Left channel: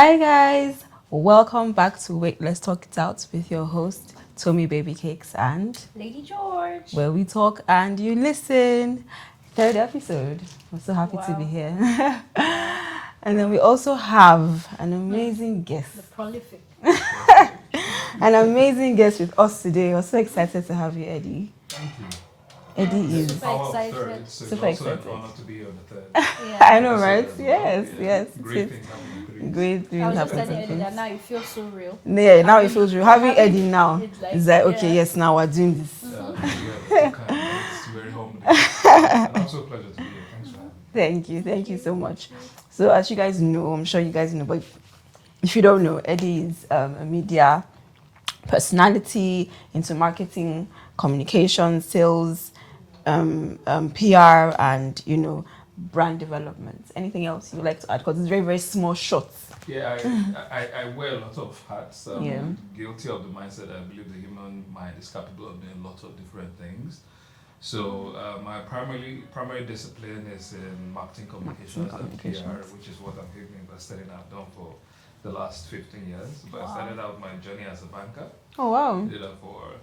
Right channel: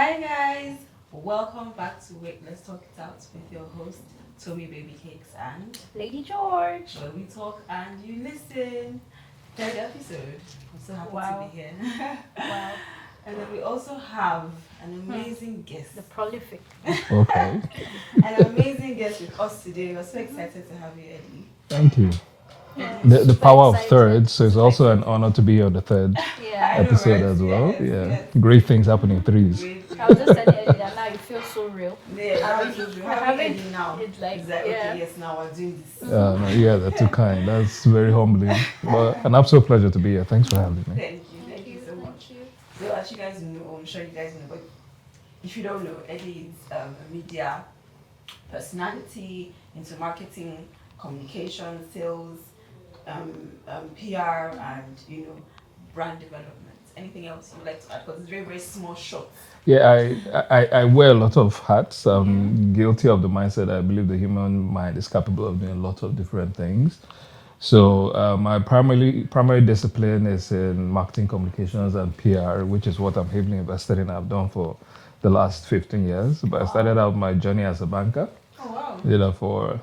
Hi guys, welcome back to Wait Let's Talk It Out with your host Tommy Baby Cakes and Lady George, where we talk and you listen. Third episode. I'm so happy to be here. Wow. And then we also have an amazing guest. The prolific. Okay. An amazing guest with us today. We're so excited to have you, Eddie. Thank you. Eddie, The power of excited. third, so it's Super also an excited. honor to be on the third Yeah. I know, episode right? as well. Yes, Yeah. yes. Great things happen in threes. Great things. I was just telling Eddie that now it feels so real. Yeah, now it feels real. Having Eddie now. It's like, Okay, yes, now we're doing this. Yeah, that's too kind. That's very humbling. An absolute pleasure to be here. Thanks for having me. Thank you so much. So as you guys know, I'm sure you guys know, but if you don't know, Eddie is a media personality into marketing, communication, sales, PR, and brand development. Anything else you'd like to add? Because it's very, very small shots. Yeah, I wear a lot of hats. I'm guilty of the mindset. I believe the human mind is capable of doing a lot of different things. So my primary discipline is in marketing communications and PR, which is what I'm heavily invested in. I've done for the last 15 years. But I started out my journey as a banker. Oh wow! Did that for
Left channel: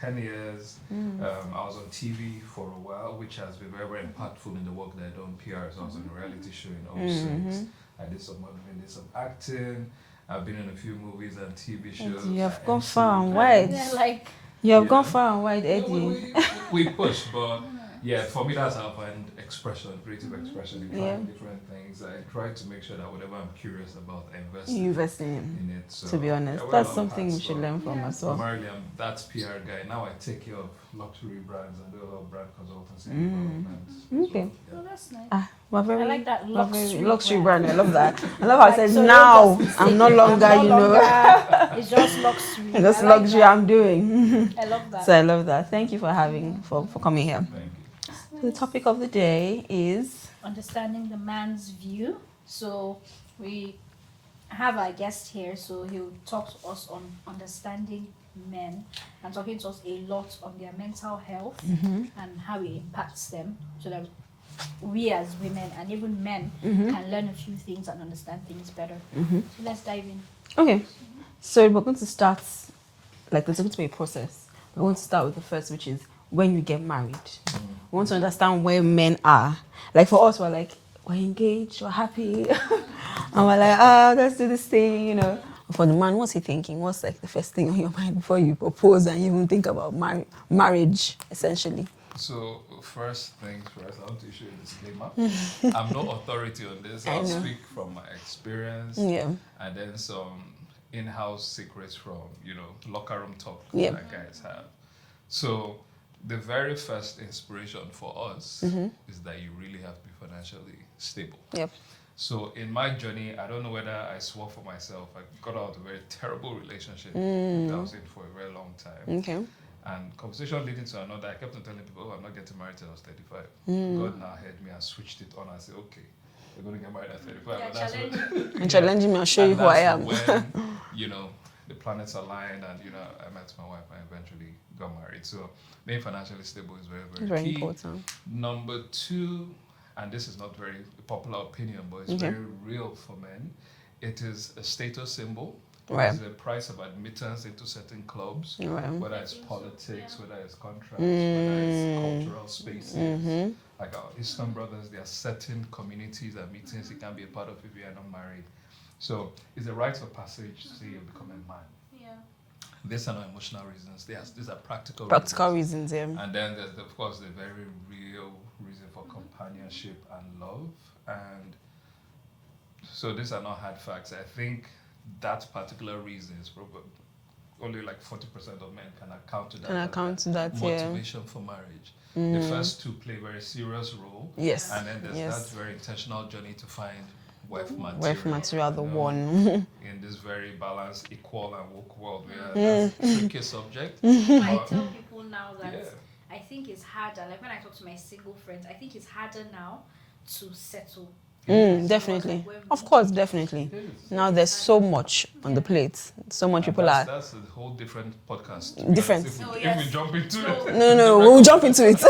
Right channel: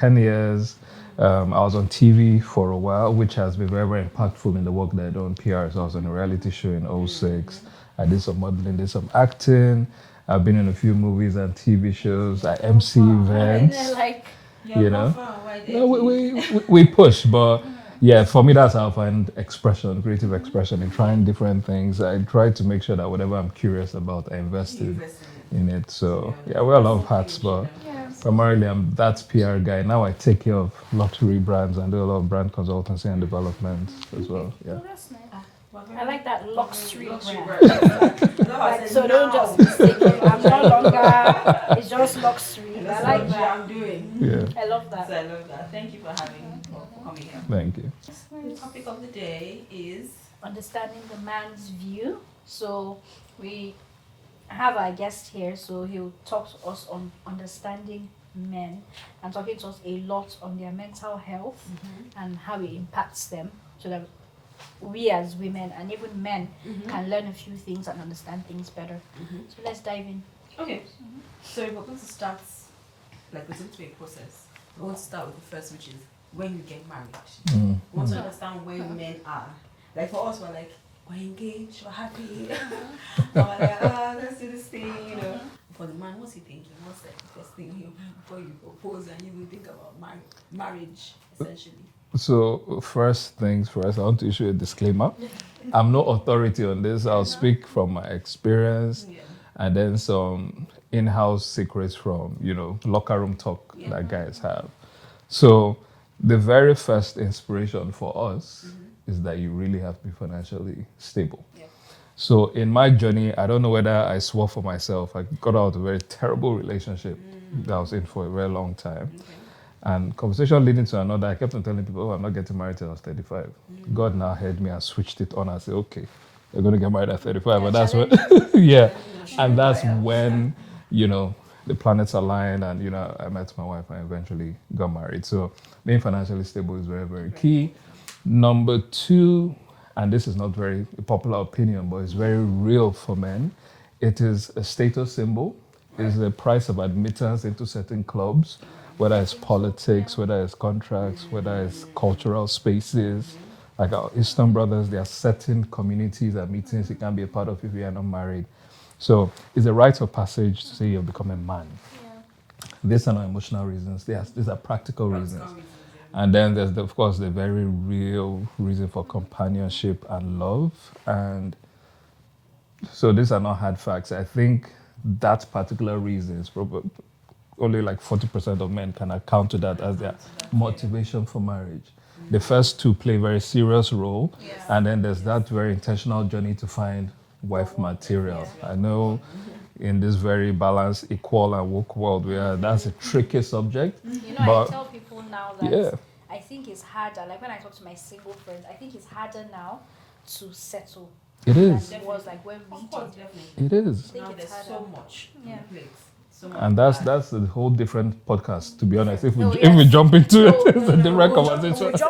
10 years. I was on TV for a while, which has been very, very impactful in the work that I do in PR. So I was on a reality show in 06. I did some modeling, did some acting. I've been in a few movies and TV shows. I MC events. Yeah, like You've gone far and wide, Eddie. No, we push, but yeah, for me that's how I find expression, creative expression, in trying different things. I try to make sure that whatever I'm curious about, I invest in it. So to be honest, yeah, wear a lot that's of something hats, you should but learn from as well. primarily I'm that PR guy. Now I take care of luxury brands and do a lot of brand consultancy and development as well. Yeah. oh, that's nice. Very, I like that luxury brand. I love that. I love how I said so now. don't just I'm no longer, it's just luxury. That's I like luxury that. I'm doing. I love that. So I love that. Thank you for for coming here. Thank you. The topic of the day is Understanding the man's view. So we have our guest here, so he'll talk to us on understanding men and talking to us a lot on their mental health and how it impacts them, so that we as women and even men can learn a few things and understand things better. So let's dive in. okay. So we're going to start like it's going to be a process. We're going to start with the first, which is when you get married. We want to understand where men are. Like for us, we're like, we're engaged, we're happy. And we're like, let's do this thing, For the man, what's he thinking? What's like the first thing on your mind before you propose and you even think about marriage, essentially? So first things first, I want to issue a disclaimer. I'm no authority on this. I'll speak from my experience and then some in-house secrets from, locker room talk that guys have. So the very first inspiration for us is that you really have to be financially stable. Yep. So in my journey, I don't know whether I swore for myself. I got out of a very terrible relationship that I was in for a very long time. Okay. And conversation leading to another, I kept on telling people, I'm not getting married till I was 35. God now heard me and switched it on. I said, okay, you're going to get married at 35. But that's when, Challenging me and showing and who I that's am. when, the planets aligned and, I met my wife and eventually got married. So being financially stable is very, very key. Important. Number two, and this is not very a popular opinion, but it's very real for men, it is a status symbol. Right. It's a price of admittance into certain clubs, whether it's politics, whether it's contracts, whether it's cultural spaces. Like our Eastern brothers, there are certain communities and meetings you can't be a part of if you are not married. So it's a rite of passage to say you've become a man. These are not emotional reasons. These are practical reasons, yeah. And then there's, of course, the very real reason for companionship and love. And so these are not hard facts. I think that particular reason is probably only like 40% of men can account to that as their motivation for marriage. The first two play a very serious role. Yes. And then there's that very intentional journey to find wife material. I know in this very balanced, equal and woke world where that's a tricky subject. But I tell people now that I think it's harder, like when I talk to my single friends, I think it's harder now to settle. Definitely. Of course, definitely. It is. Now there's so much on the plate. So much and people that's a whole different podcast, to be honest. Different. If we jump into it. No, we'll jump into it.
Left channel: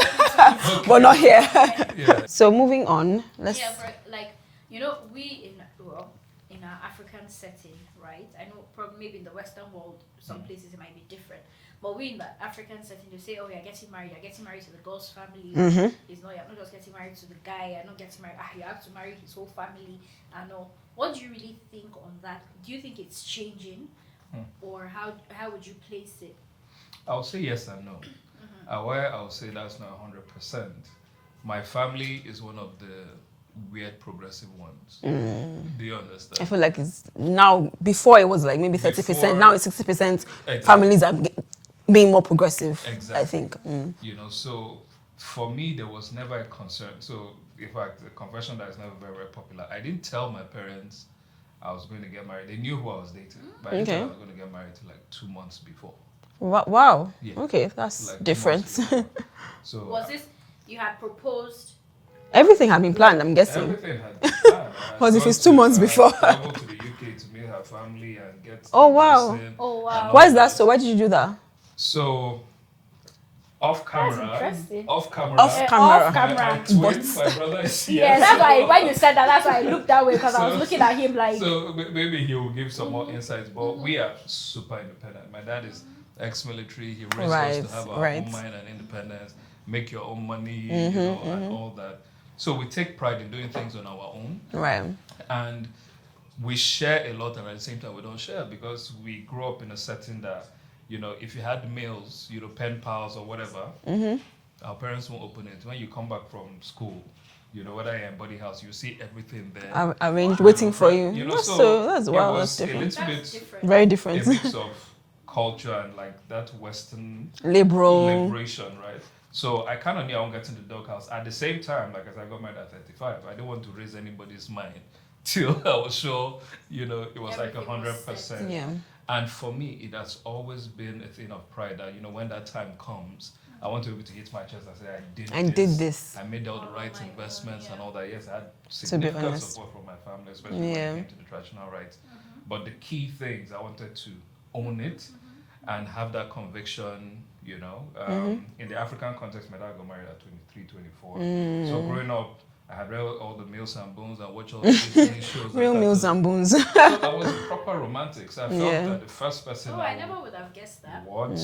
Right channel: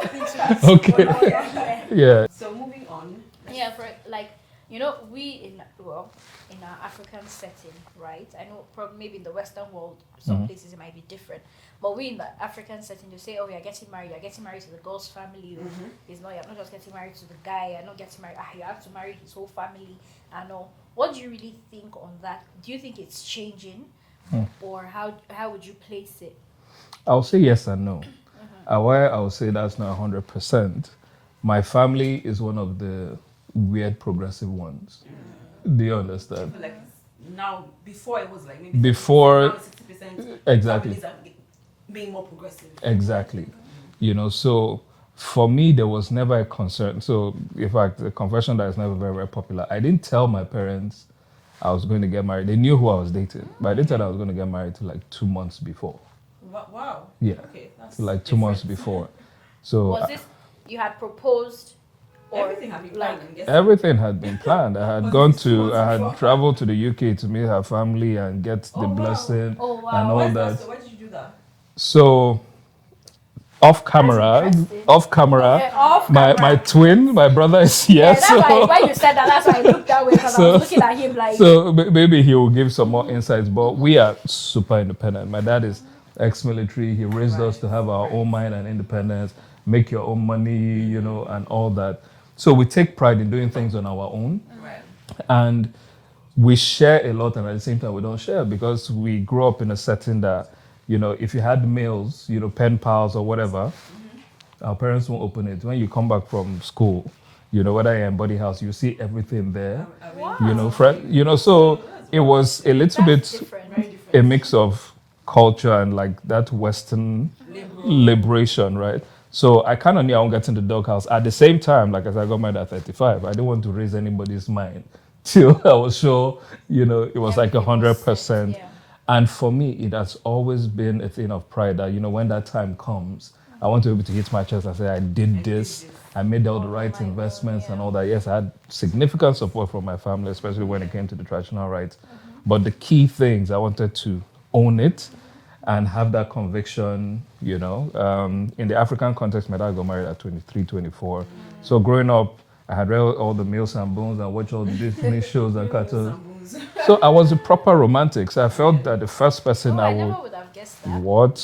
Okay. But not here. Yeah. So moving on, let's... Yeah, for, like, we in an African setting, right? I know probably maybe in the Western world, some places it might be different. But we in the African setting, they say, oh, you're getting married to the girl's family. It's not, you're not just getting married to the guy, you're not getting married, you have to marry his whole family. I know. What do you really think on that? Do you think it's changing? Or how would you place it? I'll say yes and no. Why I'll say that's not 100%. My family is one of the weird progressive ones. Do you understand? I feel like it's now, before it was like maybe 30%, Before- now it's 60%. Exactly. Families are being more progressive. Exactly. I think. You know, so for me, there was never a concern. So, in fact, a confession that is never very, very popular. I didn't tell my parents I was going to get married. They knew who I was dating, but I didn't tell them I was going to get married till like 2 months before. Wow. Yeah. Okay, that's Like different. 2 months before. So Was this, you had proposed? Everything had been planned, I'm guessing. everything had been planned. I had Because if gone it's 2 months I before. had traveled to the UK to meet her family and get the Oh, wow. blessing. Oh, wow. and all Why is that so? Why did you do that? So, off camera, interesting. off camera, Off my twin, my brother is here. Yeah, that's so, why when you said that, that's why I looked that way because I was looking at him like. so maybe he will give some more insights. But we are super independent. My dad is ex-military. He raised us to have our own mind and independence, make your own money, you know, and all that. So we take pride in doing things on our own. Right. And we share a lot, and at the same time we don't share because we grew up in a setting that, you know, if you had meals, you know, pen pals or whatever, our parents won't open it. When you come back from school, you know, whether you're in body house, you see everything there. Arranged, you waiting know, for you. You know, That's it wow, was that's a little bit very different. a mix of culture and like that Western liberation, right? So I kind of knew I won't get in the doghouse. At the same time, like as I got married at 35, I didn't want to raise anybody's mind till I was sure, you know, it was like 100%. Yeah. And for me, it has always been a thing of pride that, you know, when that time comes, I want to be able to hit my chest and say, I did this. I made all the right investments and all that. Yes, I had significant support from my family, especially when it came to the traditional rites. But the key things, I wanted to own it and have that conviction, you know. In the African context, my dad got married at 23, 24. So growing up, I had read all the Meals and Bones and watched all the Disney shows. Real Meals and Bones. So I was a proper romantic. So I felt that the first person I never would have guessed that. What?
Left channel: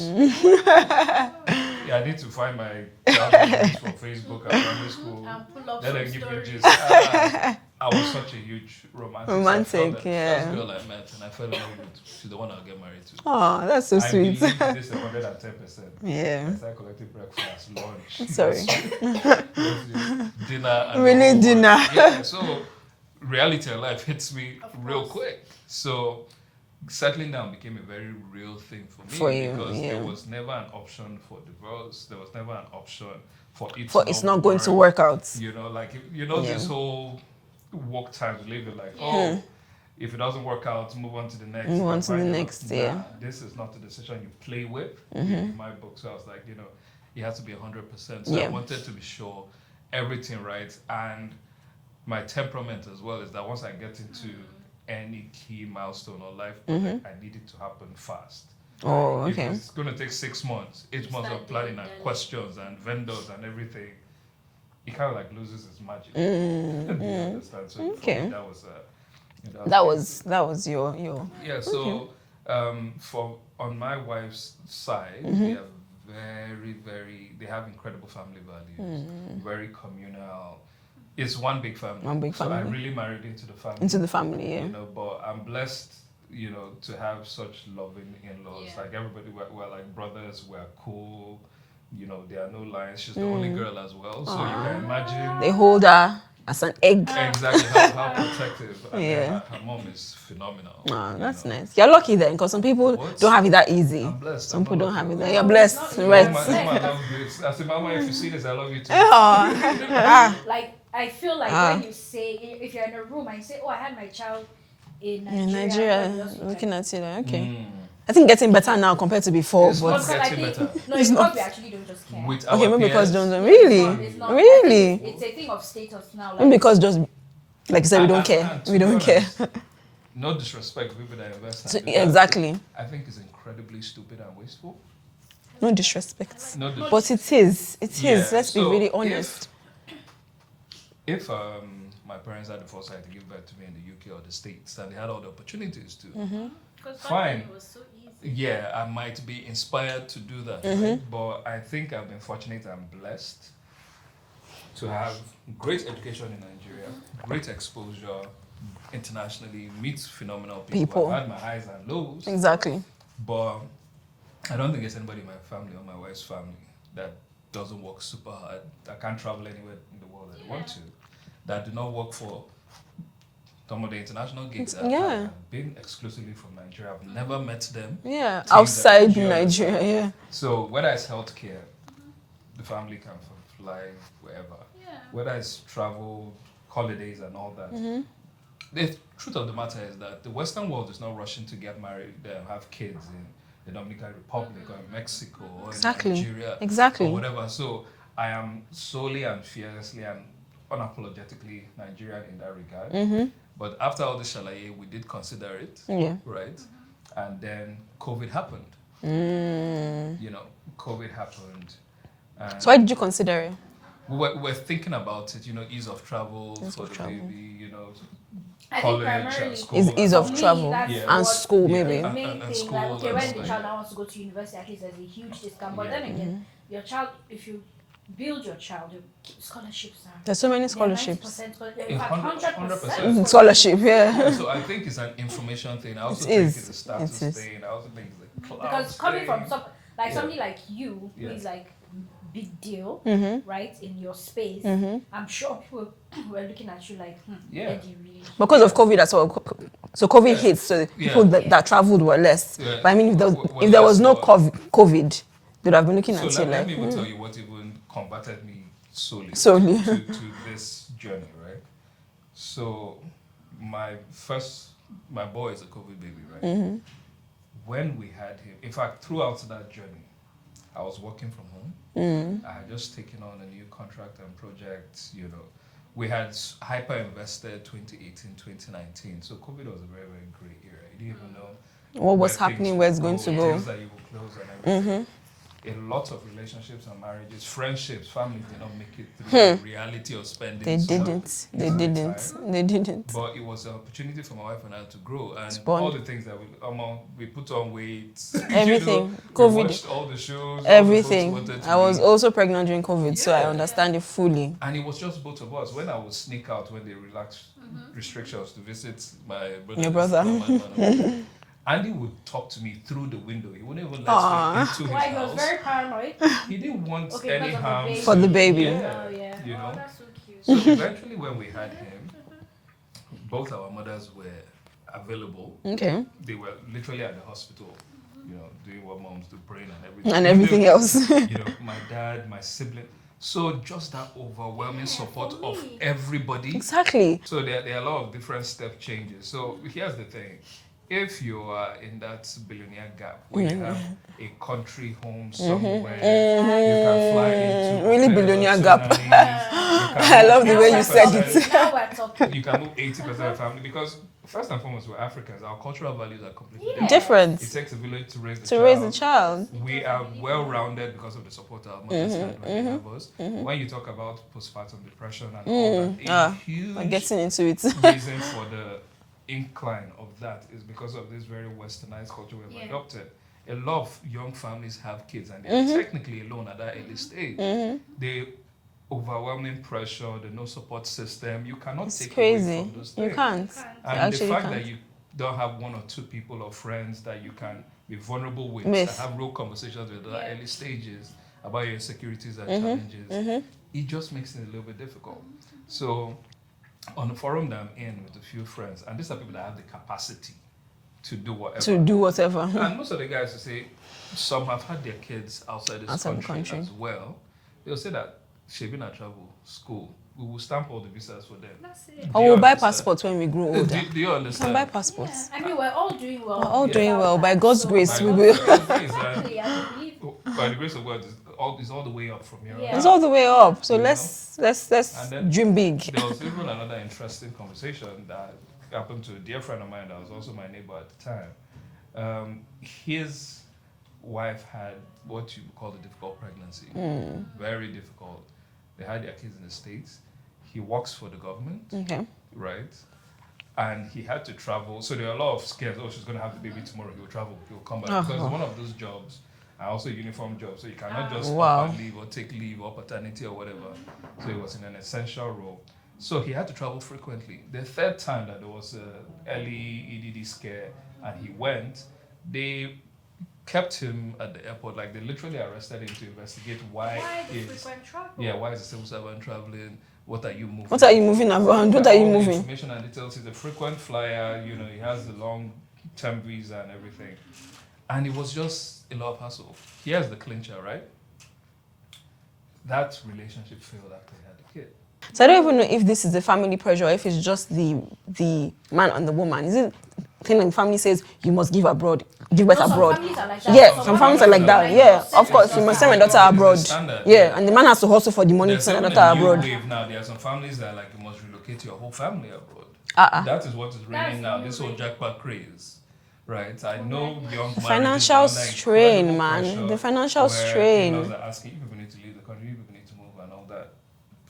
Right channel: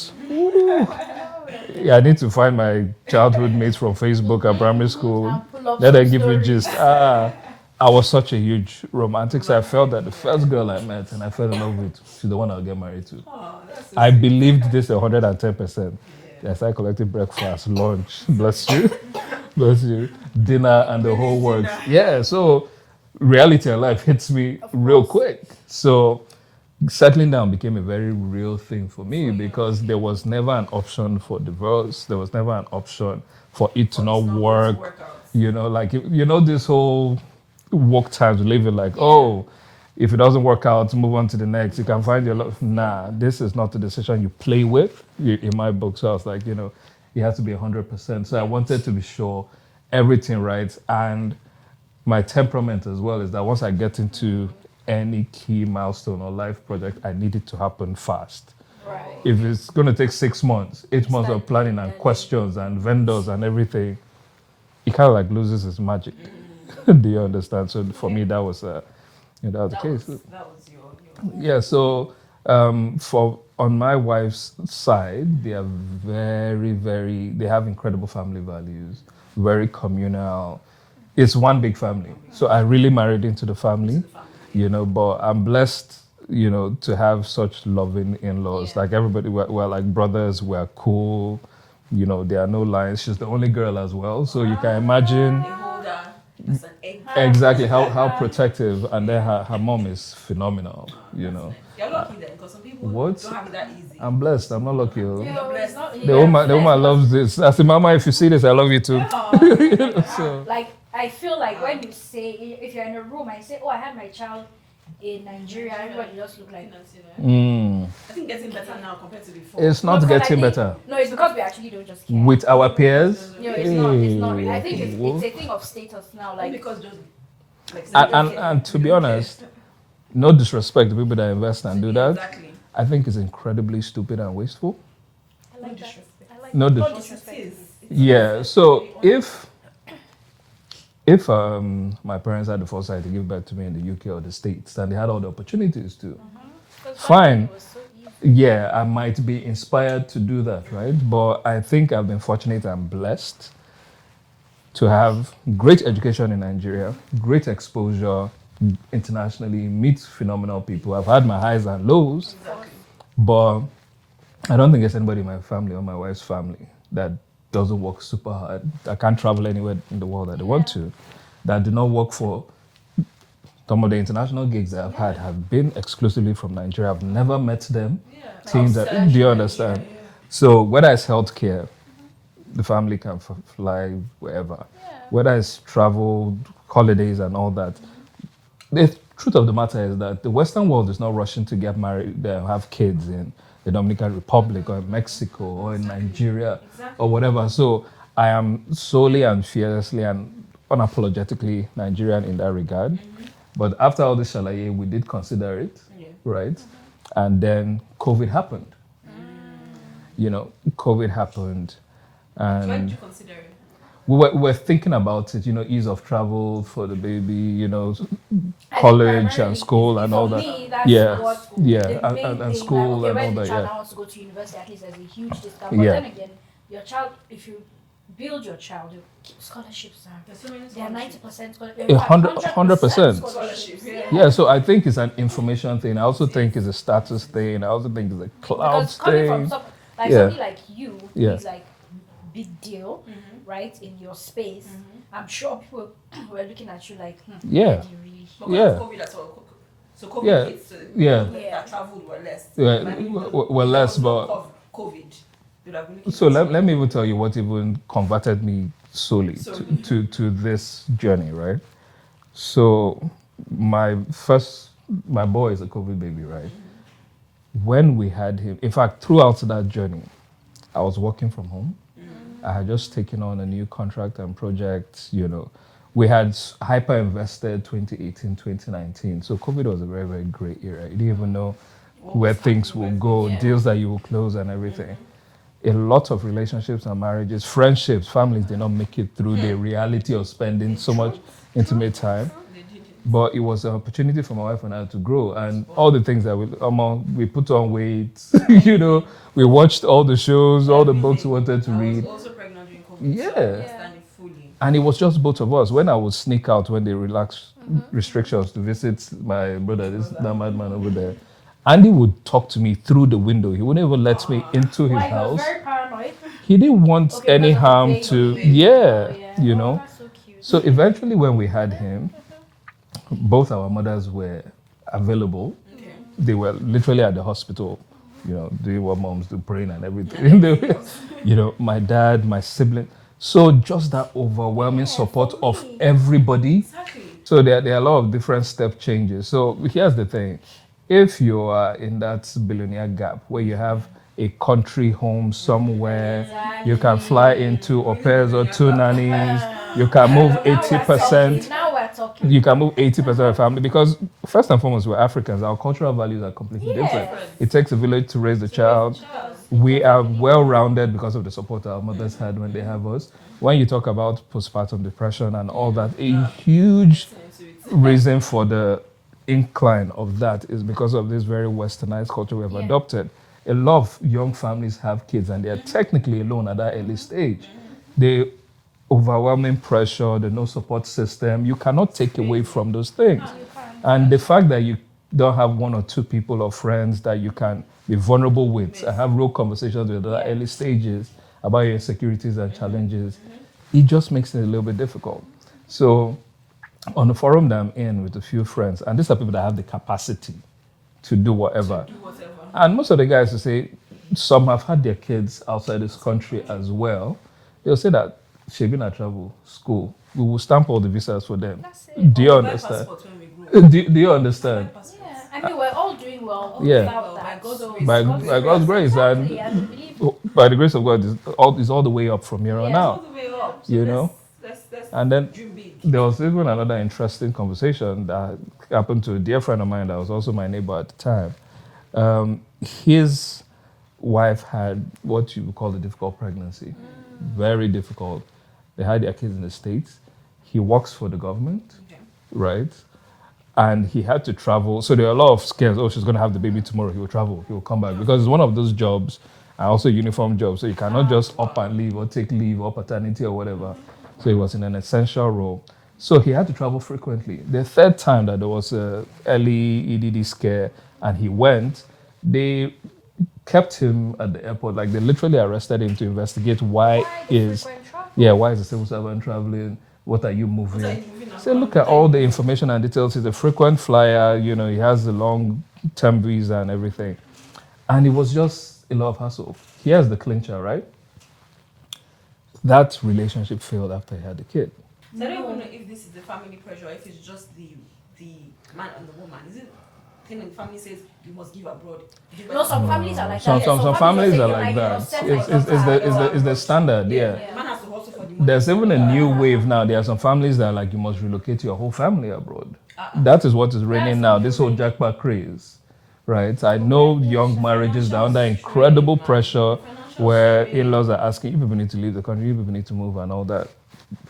Yeah, I need to find my childhood mates from Facebook and primary school. Let them give me gist. I was such a huge romantic, so I felt that the first girl I met and I fell in love with, she's the one I'll get married to. Oh, that's so I sweet. believed this 110%. Yeah. I started collecting breakfast, lunch, bless you, dinner, and Really the whole dinner. works. Yeah, so reality of life hits me real quick. So settling down became a very real thing for me because there was never an option for divorce. There was never an option for it to not work. Going to work out. You know, like, you know, this whole work times living like, oh, if it doesn't work out, move on to the next. You can find your next. Nah, this is not the decision you play with in my book. So I was like, you know, it has to be 100%. So I wanted to be sure everything right. And my temperament as well is that once I get into any key milestone or life project, I need it to happen fast. Oh, If it's going to take 6 months, 8 months of planning and questions and vendors and everything, it kind of like loses its magic. Do you understand? So for me, that was that was your yeah. So for on my wife's side, they are they have incredible family values, very communal. It's one big family. So I really married into the family. You know, but I'm blessed, you know, to have such loving in-laws. Like everybody, we're like brothers. We're cool. You know, there are no lines. She's the only girl as well. So you can imagine. They hold her as an egg. Exactly, how protective. And then her mom is phenomenal. Oh, that's nice. You're lucky then, because some people don't have it that easy. I'm blessed. Some I'm not people don't lucky. have it. You're blessed. The woman loves this. I said, Mama, if you see this, I love you too. Like, I feel like when you say, if you're in a room and you say, oh, I had my child in Nigeria, looking at it, okay. I think getting better now compared to before. It's not getting better. No, it's because we actually don't just care. With our peers? Really? It's not. Really? It's a thing of status now. Like, because just, like you said, we don't care. And to we be don't honest, care. no disrespect to people that invest and do that. Exactly. I think it's incredibly stupid and wasteful. No disrespect. No But it is. It is. Yeah, Let's so be really honest. if my parents had the foresight to give back to me in the UK or the States, and they had all the opportunities to, fine. Yeah, I might be inspired to do that, right? But I think I've been fortunate and blessed to have great education in Nigeria, great exposure internationally, meet phenomenal people. I've had my highs and lows. Exactly. But I don't think there's anybody in my family or my wife's family that doesn't work super hard, that can't travel anywhere in the world that they want to, that do not work for some of the international gigs that I've had have been exclusively from Nigeria. I've never met them. Yeah, outside Nigeria, yeah. So whether it's healthcare, the family can fly wherever. Yeah. Whether it's travel, holidays and all that. The truth of the matter is that the Western world is not rushing to get married, have kids in the Dominican Republic or Mexico or in Nigeria or whatever. So I am solely and fiercely and unapologetically Nigerian in that regard. But after all this shalaye, we did consider it, right? And then COVID happened. You know, COVID happened. And so why did you consider it? We were thinking about it, you know, ease of travel for the baby, you know, college and school and all that. Travel. And school. Yeah, and school like, okay, and when all the that. child wants to go to university, at least there's a huge discount. But then again, your child, if you build your child, your scholarships are... There's so many scholarships. 100%. Scholarship, Yeah, so I think it's an information thing. I also think it's a status thing. I also think it's a cloud because coming thing. from somebody like you, is like big deal, right, in your space, I'm sure people were looking at you like, because of COVID as well. So COVID hit, so people that traveled were less. But I mean, if there was no COVID, they'd have been looking at you. So let me even tell you what even converted me solely. To this journey, right? So my boy is a COVID baby, right? When we had him, in fact, throughout that journey, I was working from home. I had just taken on a new contract and project, you know. We had hyper invested 2018, 2019. So COVID was a very, very great era. You didn't even know where things would go, deals that you will close and everything. A lot of relationships and marriages, friendships, families did not make it through the reality of spending so much intimate time. They didn't. But it was an opportunity for my wife and I to grow. And all the things that we put on weight, you know, we watched all the shows, all the books we wanted to read. I was also pregnant during COVID, so I understand it fully. And it was just both of us. When I would sneak out when they relaxed restrictions to visit my brother, that madman over there, Andy would talk to me through the window. He wouldn't even let me into his house. He was very paranoid. He didn't want any harm for the baby. You know. That's so cute. So eventually when we had him, both our mothers were available. Okay. They were literally at the hospital, you know, doing what moms do, praying and everything. And everything else. You know, my dad, my sibling. So just that overwhelming support of everybody. Exactly. So there are a lot of different step changes. So here's the thing. If you are in that billionaire gap where you have a country home somewhere, you can fly into au pairs or two nannies, you can move 80%. Now we're talking. You can move 80% of the family because first and foremost, we're Africans. Our cultural values are completely different. It takes a village to raise the child. We are well-rounded because of the support our mothers had when they have us. When you talk about postpartum depression and all that, a huge reason for the incline of that is because of this very westernized culture we have adopted. A lot of young families have kids and they're technically alone at that early stage. The overwhelming pressure, the no support system, you cannot take away from those things. And the fact that you don't have one or two people or friends that you can be vulnerable with and have real conversations with at the early stages about your insecurities and challenges, it just makes it a little bit difficult. So on the forum that I'm in with a few friends, and these are people that have the capacity to do whatever. And most of the guys will say, some have had their kids outside this country as well. They'll say that, Shebina travel, school, we will stamp all the visas for them. We'll buy passports when we grow older. Do you understand? We'll buy passports. I mean, we're all doing well. By God's grace. By God's grace. And by the grace of God, it's all the way up from here on out. It's all the way up. So let's and then dream big. There was even another interesting conversation that happened to a dear friend of mine that was also my neighbor at the time. His wife had what you would call a difficult pregnancy. Very difficult. They had their kids in the States. he works for the government, Okay. right? And he had to travel. So there are a lot of scares. Oh, she's going to have the baby tomorrow. He will travel. He will come back. Because it's one of those jobs, and also uniform jobs. So you cannot just up and leave or take leave or paternity or whatever. So he was in an essential role. So he had to travel frequently. The third time that there was a early EDD scare and he went, they kept him at the airport. Like they literally arrested him to investigate why is a civil servant traveling? What are you moving? What are you moving around? What are all you the moving? information and details. He's a frequent flyer. You know, he has the long-term visa and everything. And it was just a lot of hassle. Here's the clincher, right? That relationship failed after he had the kid. So I don't even know if this is the family pressure or if it's just the man and the woman. Is it thing like the family says you must give abroad, give birth No, some abroad? families are like that. Yeah, Some some families are like that. Yeah, of course, you must send my daughter abroad. It's the standard. Yeah, and the man has to hustle for the money to There's send even my a daughter new abroad. wave now. There are some families that are like, you must relocate your whole family abroad. That is what is reigning now. This whole jackpot craze, right? I know young marriages are under incredible pressure, The financial where strain. in-laws are asking, you people need to leave the country, you people need to move and all that.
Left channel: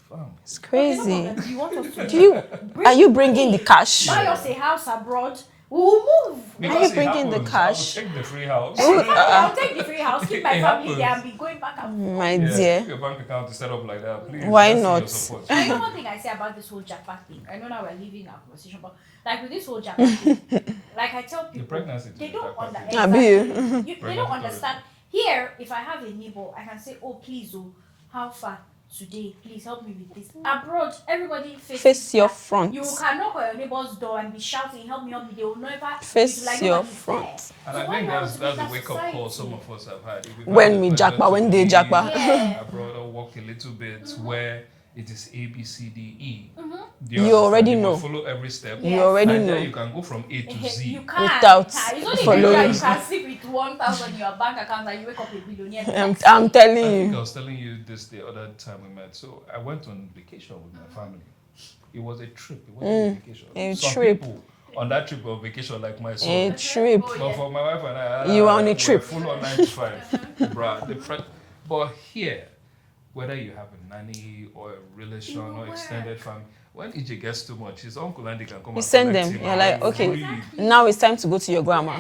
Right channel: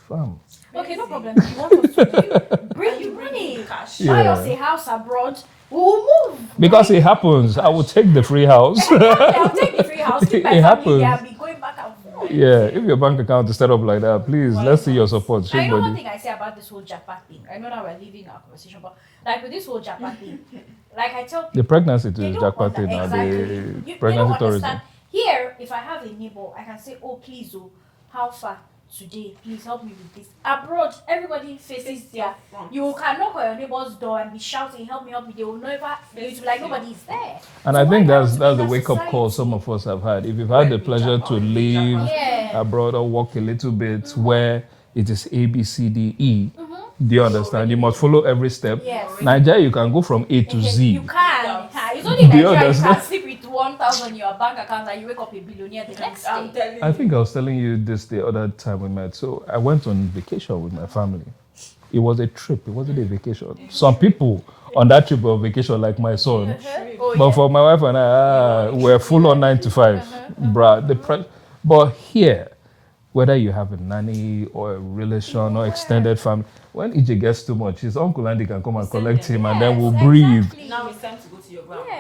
Fam. It's Okay, crazy. no problem. You want us to do? Are you bringing the cash? Buy Yeah. us a house abroad. We will move. Because Are it you bringing the happens. I will cash? take the free house. I'll take the free house, keep my It family there, happens. and be going back and My Yeah, dear. if your bank account is set up like that, please, Why let's see not? your support. And you know one Somebody. thing I say about this whole jackpot thing? I know now we're leaving our conversation, but like with this whole jackpot thing, like I tell The people, pregnancy too they is don't jackpot thing. understand. Abi. They don't Pregnancy tourism. understand. Here, if I have a neighbor, I can say, oh, please, oh, how far today? Please help me with this. Abroad, everybody Face your that. front. You can knock on your neighbor's door and be shouting, help me. They will never Face like your nobody's there. front. And So I think why that's not the make wake up that call society? some of us have had. If you've When had the we pleasure jackpot, to when they live jackpot. Yeah. abroad or walk a little bit where it is A, B, C, D, E, do you You understand? already You must know. follow every step. Yes. You already Nigeria, know. you can go from A to Z. You can. Without- It's only in For you, Nigeria you understand? can sleep with 1,000 in your bank account and you wake up a billionaire. the next I'm day. telling I think you. I was telling you this the other time we met. So I went on vacation with my family. It was a trip. It wasn't a vacation. A Some trip. people on that trip were vacation like my son. A trip. Oh, But yeah. for my wife and I, You were on a we're trip. full on 9 to 5. Bruh, but here, whether you have a nanny or a relation or extended family, when EJ gets too much, his uncle Andy can come and send collect them. him You're and then like, we'll okay. breathe. Now it's time to go to your grandma.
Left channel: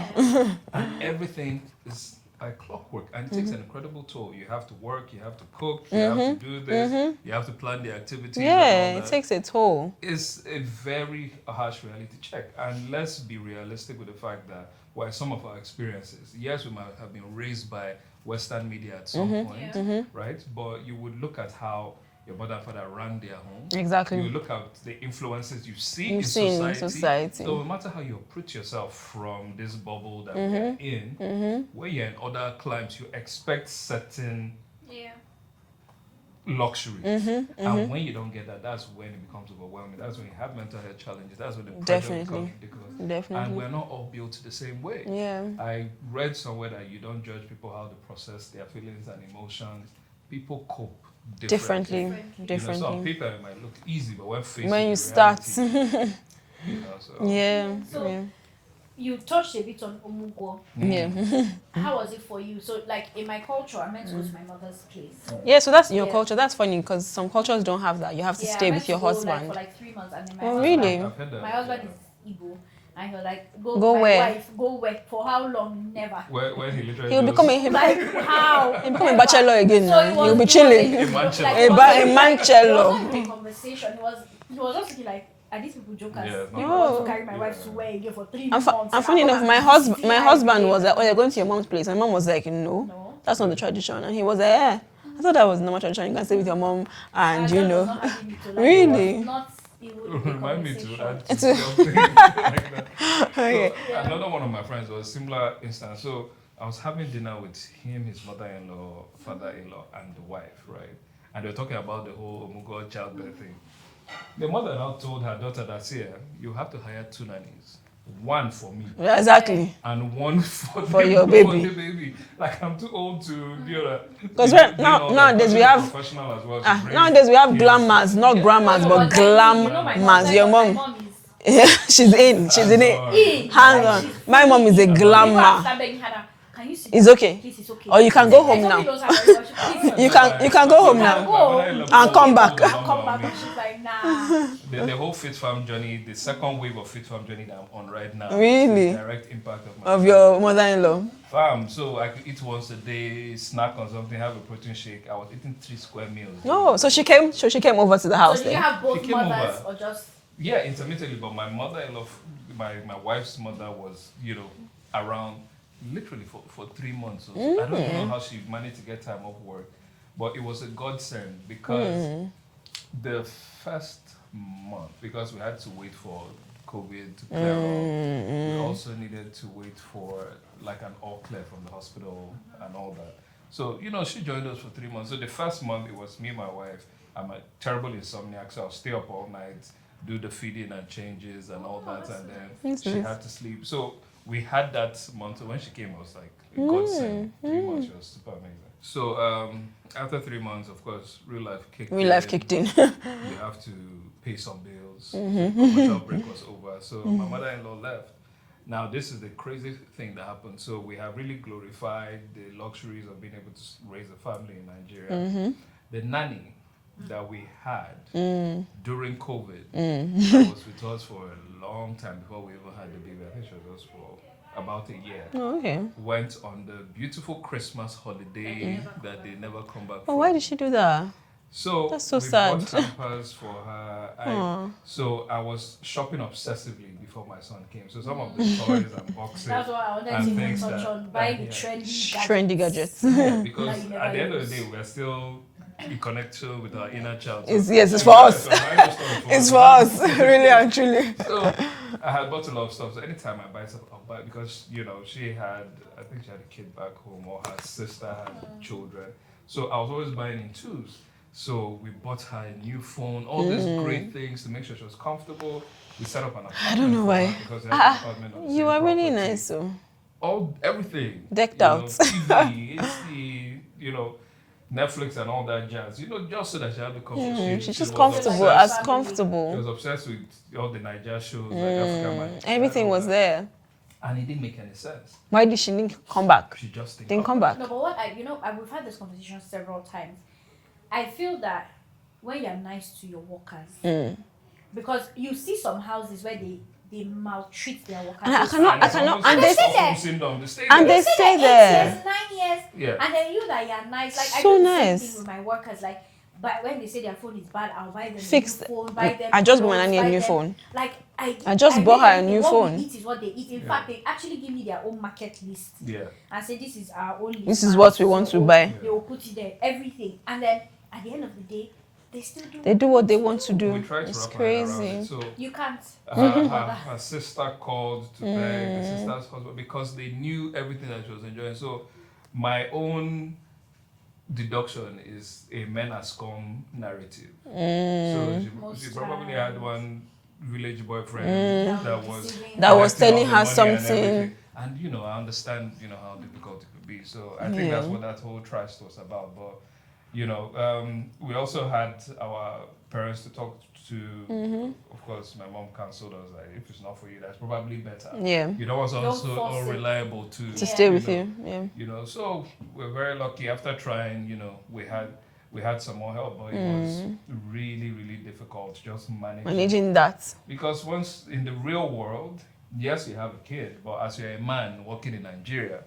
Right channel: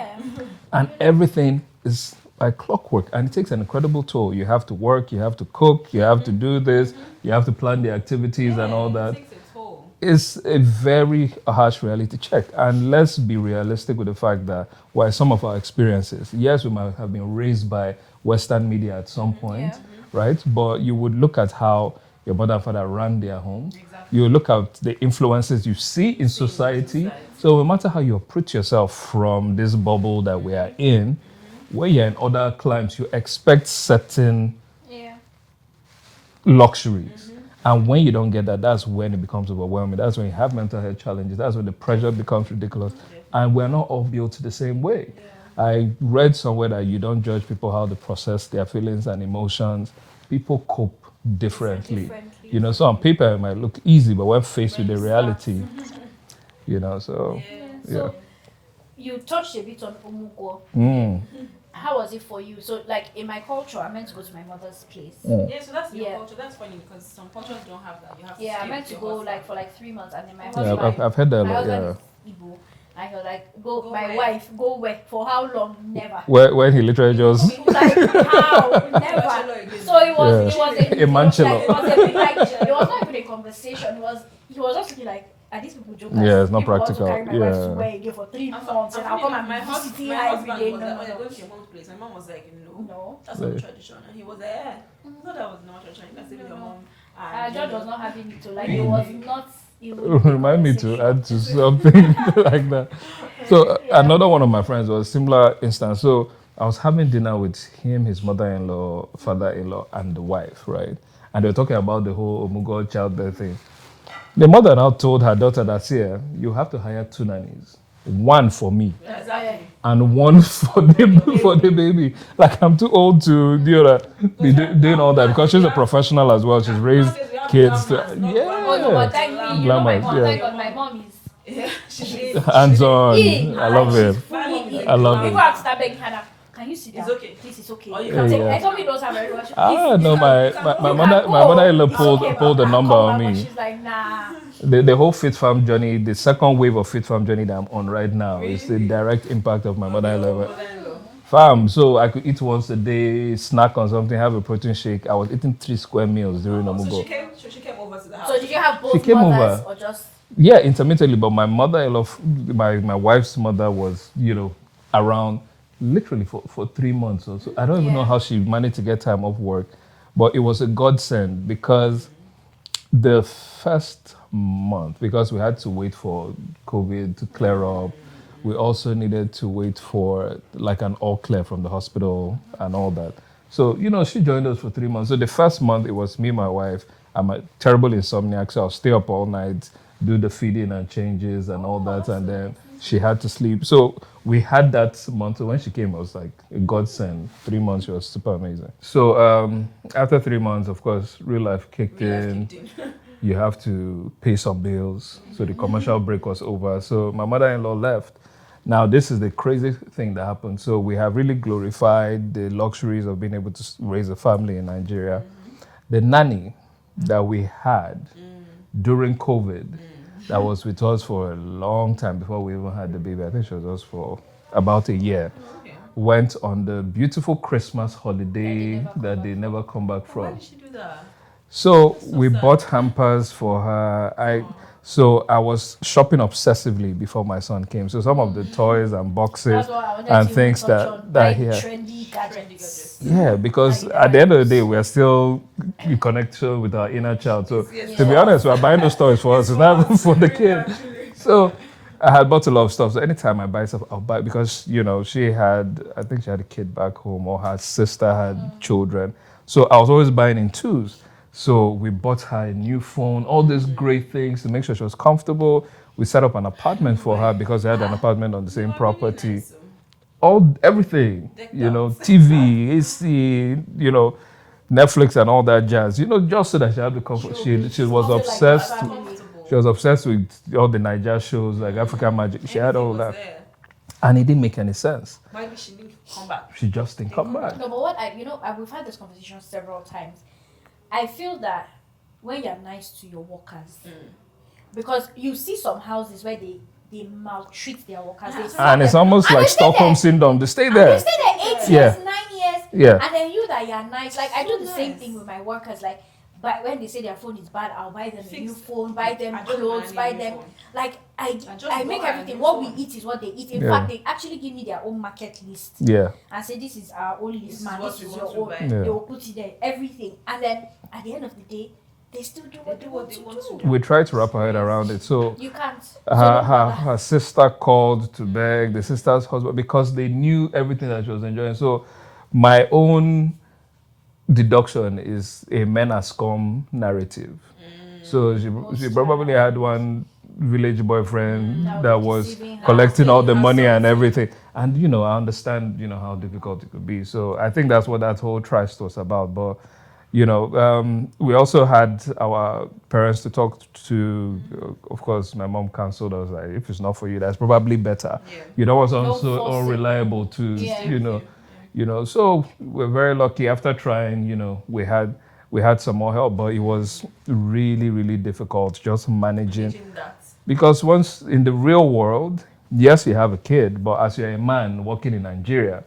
And everything is like clockwork and it takes an incredible toll. You have to work, you have to cook, you have to do this, you have to plan the activities and all Yeah, that. it takes a toll. It's a very harsh reality check. And let's be realistic with the fact that while some of our experiences, yes, we might have been raised by Western media at some point, right? But you would look at how your mother and father ran their home. Exactly. You look at the influences you see in see in society. society. So no matter how you uproot yourself from this bubble that we are in, where you're in other climes, you expect certain Yeah. luxuries. And when you don't get that, that's when it becomes overwhelming. That's when you have mental health challenges. That's when the pressure Definitely. becomes ridiculous. Definitely. And we're not all built the same way. Yeah. I read somewhere that you don't judge people how they process their feelings and emotions. People cope differently. You know, so on paper it might look easy, but when faced When with you the reality, you know, so Yeah. So- yeah. You touched a bit on Omugo. Yeah. How was it for you? So, like in my culture, I meant to go to my mother's place. Yeah, so that's your Yeah. culture. That's funny because some cultures don't have that. You have to Yeah, I stay meant with your to go husband. like for like 3 months, and then my Oh, husband, really? I've heard that a my lot, husband yeah. is Igbo, and he was like, "Go, Go my where? wife, go where? For how long? Never." When he literally He'll just become a Like how? become a Never. bachelor again. So it was, He'll be chilling. it A manchelo. like, it A was ba- a it manchelo. was not even a conversation. He was just looking like, are these people jokers? Yeah, it's not You know, I want to practical. carry my wife to Yeah. where again for 3 And, months. and and funny I'll enough, come my and husband, see my her husband every day. was like, "Oh, you're going to your mom's place," and my mom was like, "No, No. that's not the tradition." And he was like, "Yeah, I thought that was normal tradition. You can stay with your mom, and you John was know." not having me to like. Really? It was not. It would remind me to add to something like that. So another one of my friends was a similar instance. So I was having dinner with him, his mother-in-law, father-in-law, and the wife, right? And they were talking about the whole Omugo childbirth thing. The mother now told her daughter that, here, you have to hire 2 nannies. One for me Yeah, exactly. and one for your the baby. Like, I'm too old to do that. Doing all that. Because she's a professional as well. She's raised Nowadays we have kids. glamours, not Yeah. grandmas, No, but but then, you know, my glamours. mom, Your my mom, mom is. she's in. She's in it. Hands-on. I love Hands-on. it. My mom is a I love it. People have to glamour. start begging her now. can you sit It's down? okay. Please, it's okay. Or you can go home Somebody now. knows her very well. You can go home now. My mother-in-law come back. pulled the number on Come back, me. she's like, nah. The whole Fit Farm journey, the second wave of Fit Farm journey that I'm on right now is Really? the direct impact of my Of mother-in-law. your mother-in-law. Fam, so I could eat once a day, snack on something, have a protein shake. I was eating 3 square meals. during No, the so she mobile. came over to the house. So did you then. have both She came mothers over. or just? Yeah, intermittently, but my mother-in-law, my wife's mother was, around literally for 3 months or so. I don't even know how she managed to get time off work, but it was a godsend because the first month, because we had to wait for COVID to clear up, we also needed to wait for like an all clear from the hospital and all that. So, she joined us for 3 months. So the first month, it was me, my wife. I'm a terrible insomniac, so I'll stay up all night, do the feeding and changes and all that, and then she had to sleep. So we had that month. So when she came, it was like a godsend. 3 months, she was super amazing. So after 3 months, of course, real life kicked in. You have to pay some bills. So the commercial break was over. So my mother-in-law left. Now, this is the crazy thing that happened. So we have really glorified the luxuries of being able to raise a family in Nigeria. The nanny that we had during COVID, that was with us for a long time before we even had the baby. I think she was with us for about a year. Oh, okay. Went on the beautiful Christmas holiday that they never come back But from. why did she do that? So so we sad. bought hampers for her. So I was shopping obsessively before my son came. So some of the toys and boxes That's what I wanted and to things touch on. that Buy he had. Trendy gadgets. Yeah, because Like, at the end of the day, we are still in connection with our inner child. So Yes, it's to for be honest, us. we're buying those toys for us. It's so for not us, for the really kids. and truly. So I had bought a lot of stuff. So anytime I buy stuff, I'll buy it because, she had, I think she had a kid back home or her sister had children. So I was always buying in twos. So we bought her a new phone, all these great things to make sure she was comfortable. We set up an apartment for her because we had an apartment on the You same are property. really nice. So. Everything. Decked out. TV, AC, Netflix and all that jazz. Just so that she had the comfort. She was obsessed. Comfortable. She was obsessed with all the Niger shows like African Magic. She had Everything all was that. there. And it didn't make any sense. Why did she didn't come back? She just Didn't come back. No, but what we've had this conversation several times. I feel that when you're nice to your workers, because you see some houses where they maltreat their workers. And it's almost like Stockholm syndrome. They stay And there. they stay there. 8 years, 9 years. Yeah. And then you that you're nice. Like I So do the same nice. thing with my workers. Like, but when they say their phone is bad, I'll buy them Fix a new phone, buy them I just clothes, want a buy new them- phone. Like I just bought make her a everything. new What phone. we eat is what they eat. In Yeah. fact, they actually give me their own market list. Yeah. And say this is our own list. This is man. what This we is want your to own. buy. Yeah. They will put it there, everything. And then at the end of the day, they still do. They do what they want to do. We tried to It's wrap our head around crazy. it. So You can't. her sister called to beg, the sister's husband, because they knew everything that she was enjoying. So my own deduction is a men are scum narrative. So she probably had one village boyfriend that was deceiving That was collecting all telling the her money and something. everything. And I understand, how difficult it could be. So I think that's what that whole tryst was about. But we also had our parents to talk to. Of course, my mom counseled us like, if it's not for you, that's probably better. Yeah. You don't want someone Don't so force it. unreliable to Stay with know, you. Yeah. So we're very lucky. After trying, we had some more help, but it was really, really difficult just Managing that. because once in the real world, yes, you have a kid, but as you're a man working in Nigeria,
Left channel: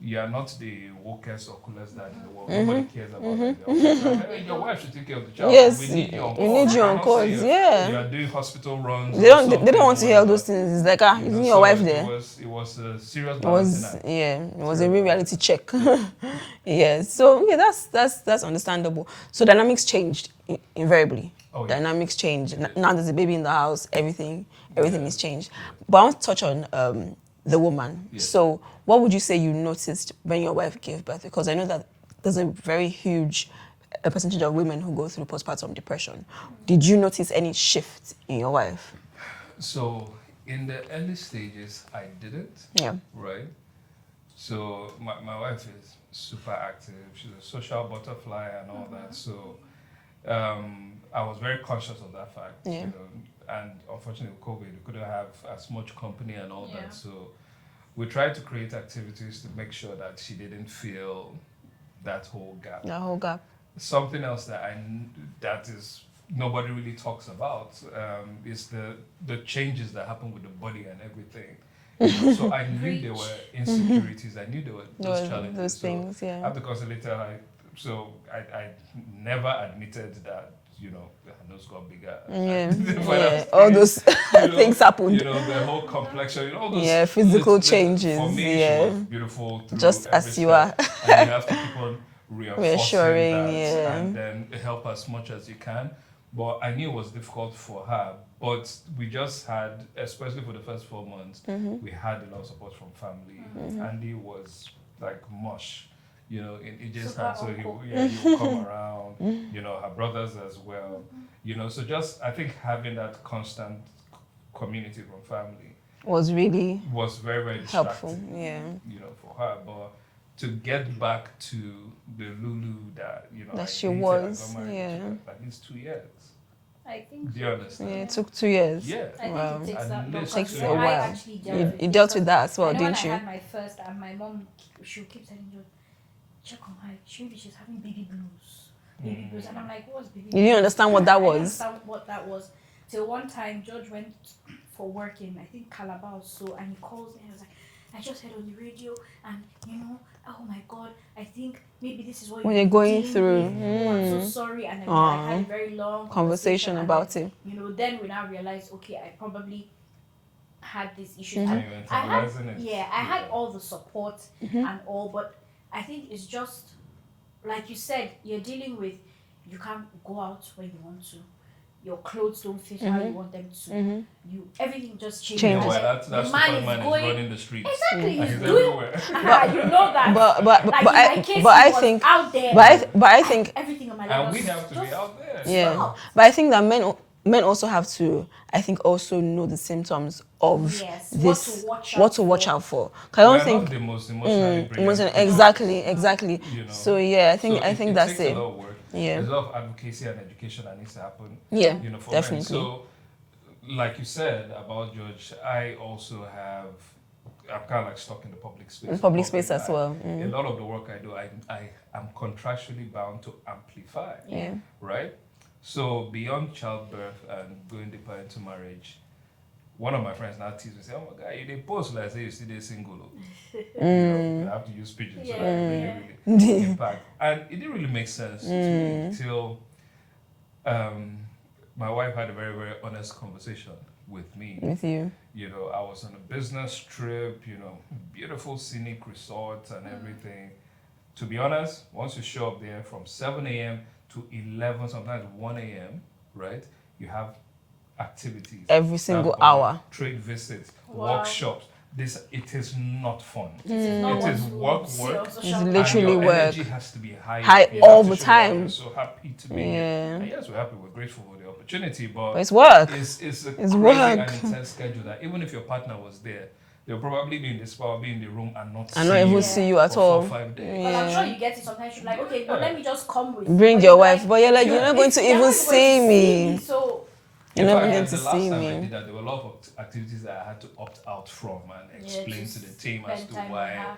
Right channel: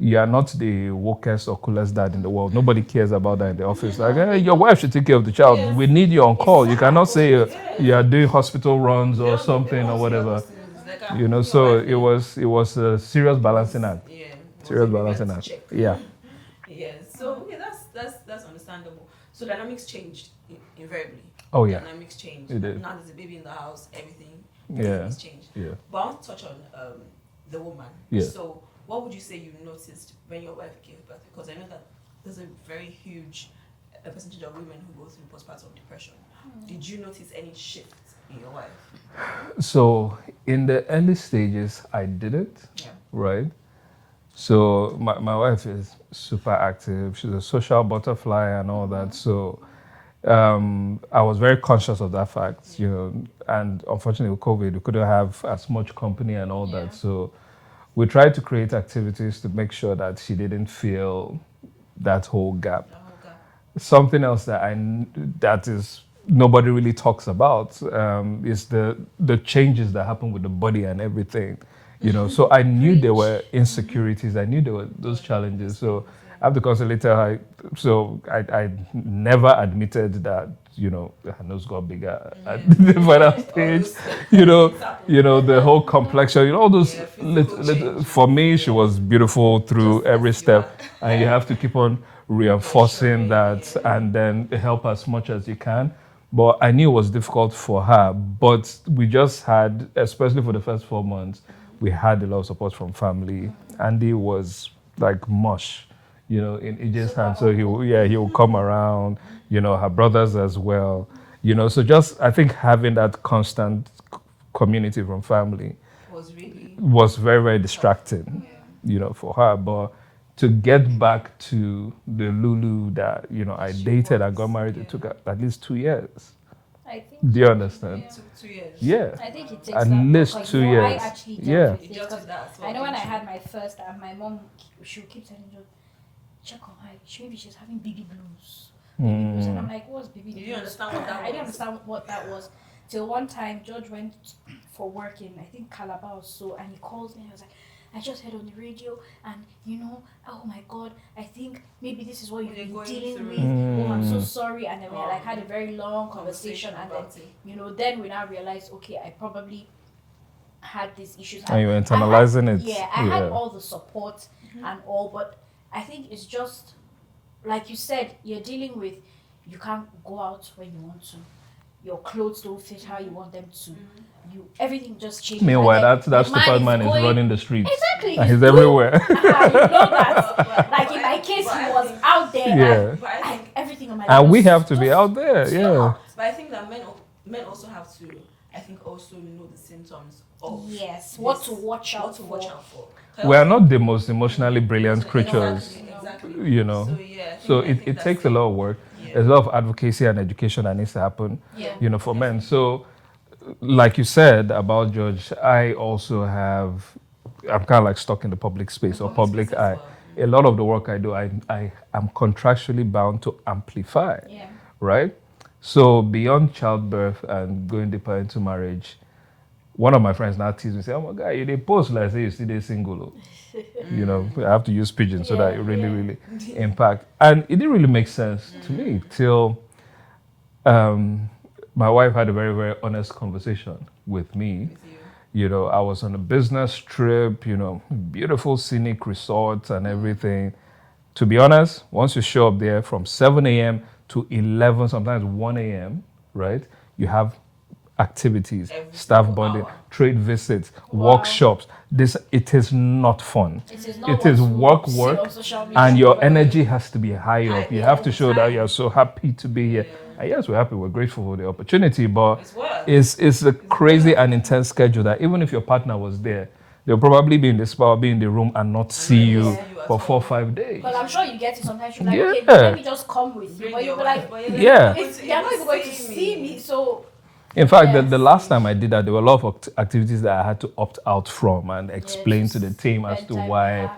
you are not the wokest or coolest dad in the world. Nobody cares about that in the office. Like, hey, your wife should take care of the child. Yes. We need you on call. need You you on cannot call, say yeah. you are doing hospital runs They or something. don't. They don't want or to hear all whatever. those things. It's like isn't your So wife there? it was a serious balancing act. Yeah, it was Serious a real balancing reality act. check. Yeah. Yeah. So yeah, that's understandable. So dynamics changed invariably. Oh, yeah. Dynamics changed. It did. Now there's a baby in the house. Everything is changed. Yeah. But I want to touch on the woman. Yeah. So what would you say you noticed when your wife gave birth? Because I know that there's a very huge percentage of women who go through postpartum depression. Did you notice any shift in your wife? So in the early stages, I didn't. Yeah. Right. So my wife is super active. She's a social butterfly and all that. So I was very conscious of that fact, Yeah. and unfortunately with COVID, we couldn't have as much company and all Yeah. that. So we tried to create activities to make sure that she didn't feel that whole gap. The whole gap. Something else that is nobody really talks about is the changes that happen with the body and everything. So I knew there were insecurities. I knew there were those challenges. Things, yeah. I have to constantly tell her. So I never admitted that her nose got bigger. All those things happen. The whole complexion. All those physical changes. For me, she was beautiful through Just every step, and you have to keep on reinforcing that and then help as much as you can. But I knew it was difficult for her. But we just had, especially for the first 4 months, we had a lot of support from family. Andy was like mush, in EJ's hand. So he will come around, her brothers as well. So just, I think having that constant community from family was very, very distracting, for her. But to get back to the Lulu that I dated and got married, it took at least 2 years. I think. Do you understand? It took 2 years. Yeah. I think it takes at that least long. 2 So years. I actually You dealt with that as well, I know didn't when you? I had my first, my mom, she would keep telling me, check on her. Maybe she's having baby blues. Baby blues. And I'm like, what's baby blues? You didn't understand what that I was. didn't understand what that was. Till one time, George went for work in, I think, Calabar or so, and he calls me and I was like, I just heard on the radio, and oh my God, I think maybe this is what you're going through. Oh, I'm so sorry. And then we had a very long conversation about it. Then we now realized, okay, I probably had these issues. And you were internalizing it. Yeah, I had all the support and all, but I think it's just, like you said, you're dealing with, you can't go out when you want to. Your clothes don't fit how you want them to. Everything just changes. Meanwhile, that stupid man is running the streets. Exactly. And he's everywhere. You know that. But in my case, he I was think out there. But I think everything on my life. And we have to be out there. Yeah. But I think that men also have to, I think, also know the symptoms of what to watch out for. We are not the most emotionally brilliant creatures. Exactly. So I think it that's takes a lot of work. Yeah. There's a lot of advocacy and education that needs to happen. Yeah. For definitely. men. So, like you said about George, I also have. I'm kind of like stuck in the public space or public space eye. as well. A lot of the work I do, I am contractually bound to amplify. Yeah. Right. So beyond childbirth and going deeper into marriage, one of my friends now teases me, say, "Oh my God, you did post like say you still single." I have to use pigeon so that it really impact. And it didn't really make sense to me till my wife had a very, very honest conversation with me. With you. I was on a business trip, beautiful scenic resorts and everything. To be honest, once you show up there from 7 a.m. to 11, sometimes 1 a.m., right? You have activities, every staff single bonding, hour, trade visits, workshops. It is not fun. It is work, and your energy has to be high up. You have to show that you're so happy to be here. And yes, we're happy, we're grateful for the opportunity, but it's work. It's a crazy and intense schedule that even if your partner was there, they'll probably be in the spa, be in the room, and not see you at for all. 4 or 5 days. But I'm sure you get it sometimes. You're like, okay, let me just come with. Bring your wife, but you're like, you're not going to even see me. So. In fact, the last time I did that, there were a lot of activities that I had to opt out from and explain to the team as to why,